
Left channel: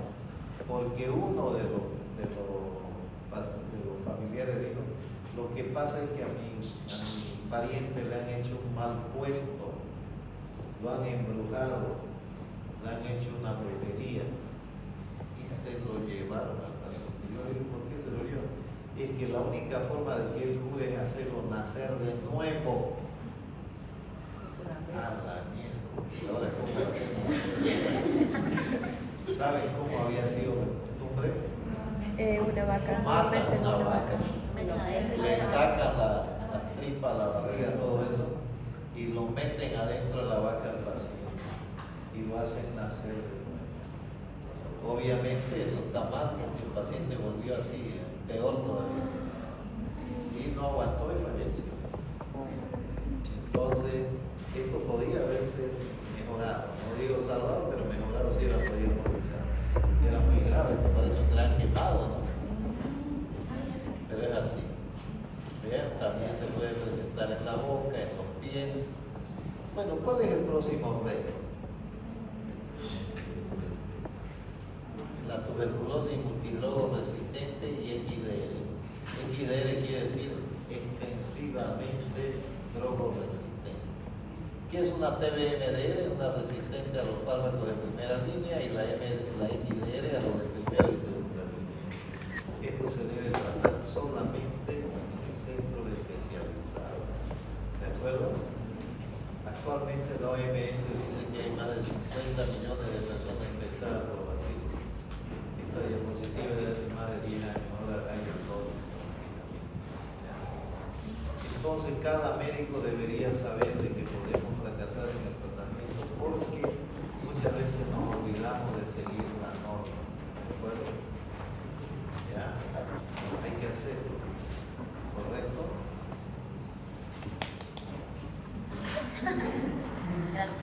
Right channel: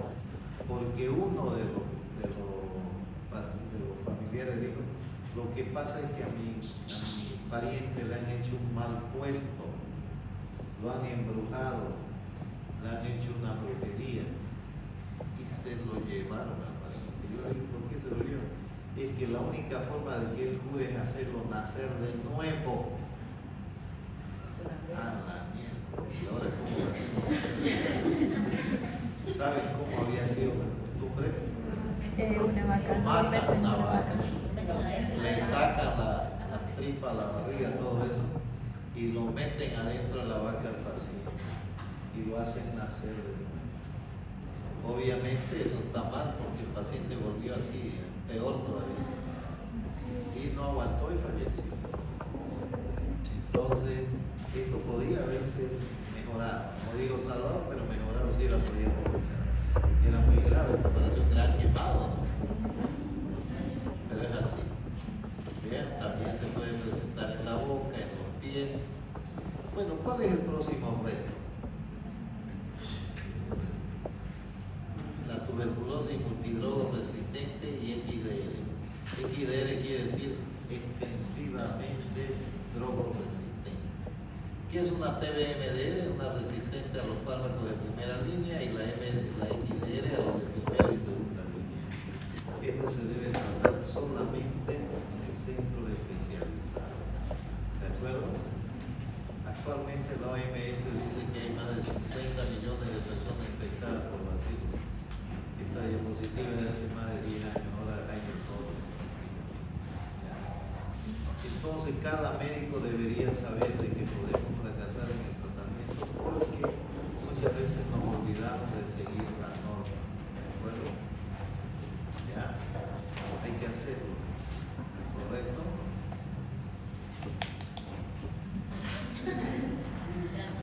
porque uno de los familiares dijo: lo que pasa es que a mi pariente le han hecho un mal puesto, lo han embrujado, le han hecho una brujería. y se lo llevaron al pastor. Y yo le digo, ¿por qué se lo llevan? Y es que la única forma de que él cure es hacerlo nacer de nuevo. Ah, la mierda. Y ahora, ¿cómo lo hacemos nacer de nuevo? ¿Saben cómo había sido la costumbre? Una vaca. Matan una vaca, le sacan las tripas, la barriga, todo eso, y lo meten adentro de la vaca al paciente y lo hacen nacer de nuevo. Obviamente eso está mal porque el paciente volvió así, peor todavía, y no aguantó y falleció. Entonces, esto podía haberse mejorado, no digo salvado, pero mejorado sí la podíamos usar, porque era muy grave, esto parece un gran quemado, ¿no? Pero es así. Bien, también se puede presentar en la boca, en los pies. Bueno, ¿cuál es el próximo reto? La tuberculosis multidrogo resistente y XDR. XDR quiere decir extensivamente drogo resistente. ¿Qué es una TBMDR? Una resistente a los fármacos de primera línea, y la XDR a los de primera y segunda línea. Esto se debe tratar solamente en centros especializados. ¿De acuerdo? Actualmente la OMS dice que hay más de 50 millones de personas infectadas por bacillus. Esta diapositiva es de hace más de 10 años, ahora hay de todo. Entonces cada médico debería saber de que podemos fracasar en el tratamiento porque muchas veces nos olvidamos de seguir la norma. ¿De acuerdo? ¿Ya? Hay que hacerlo.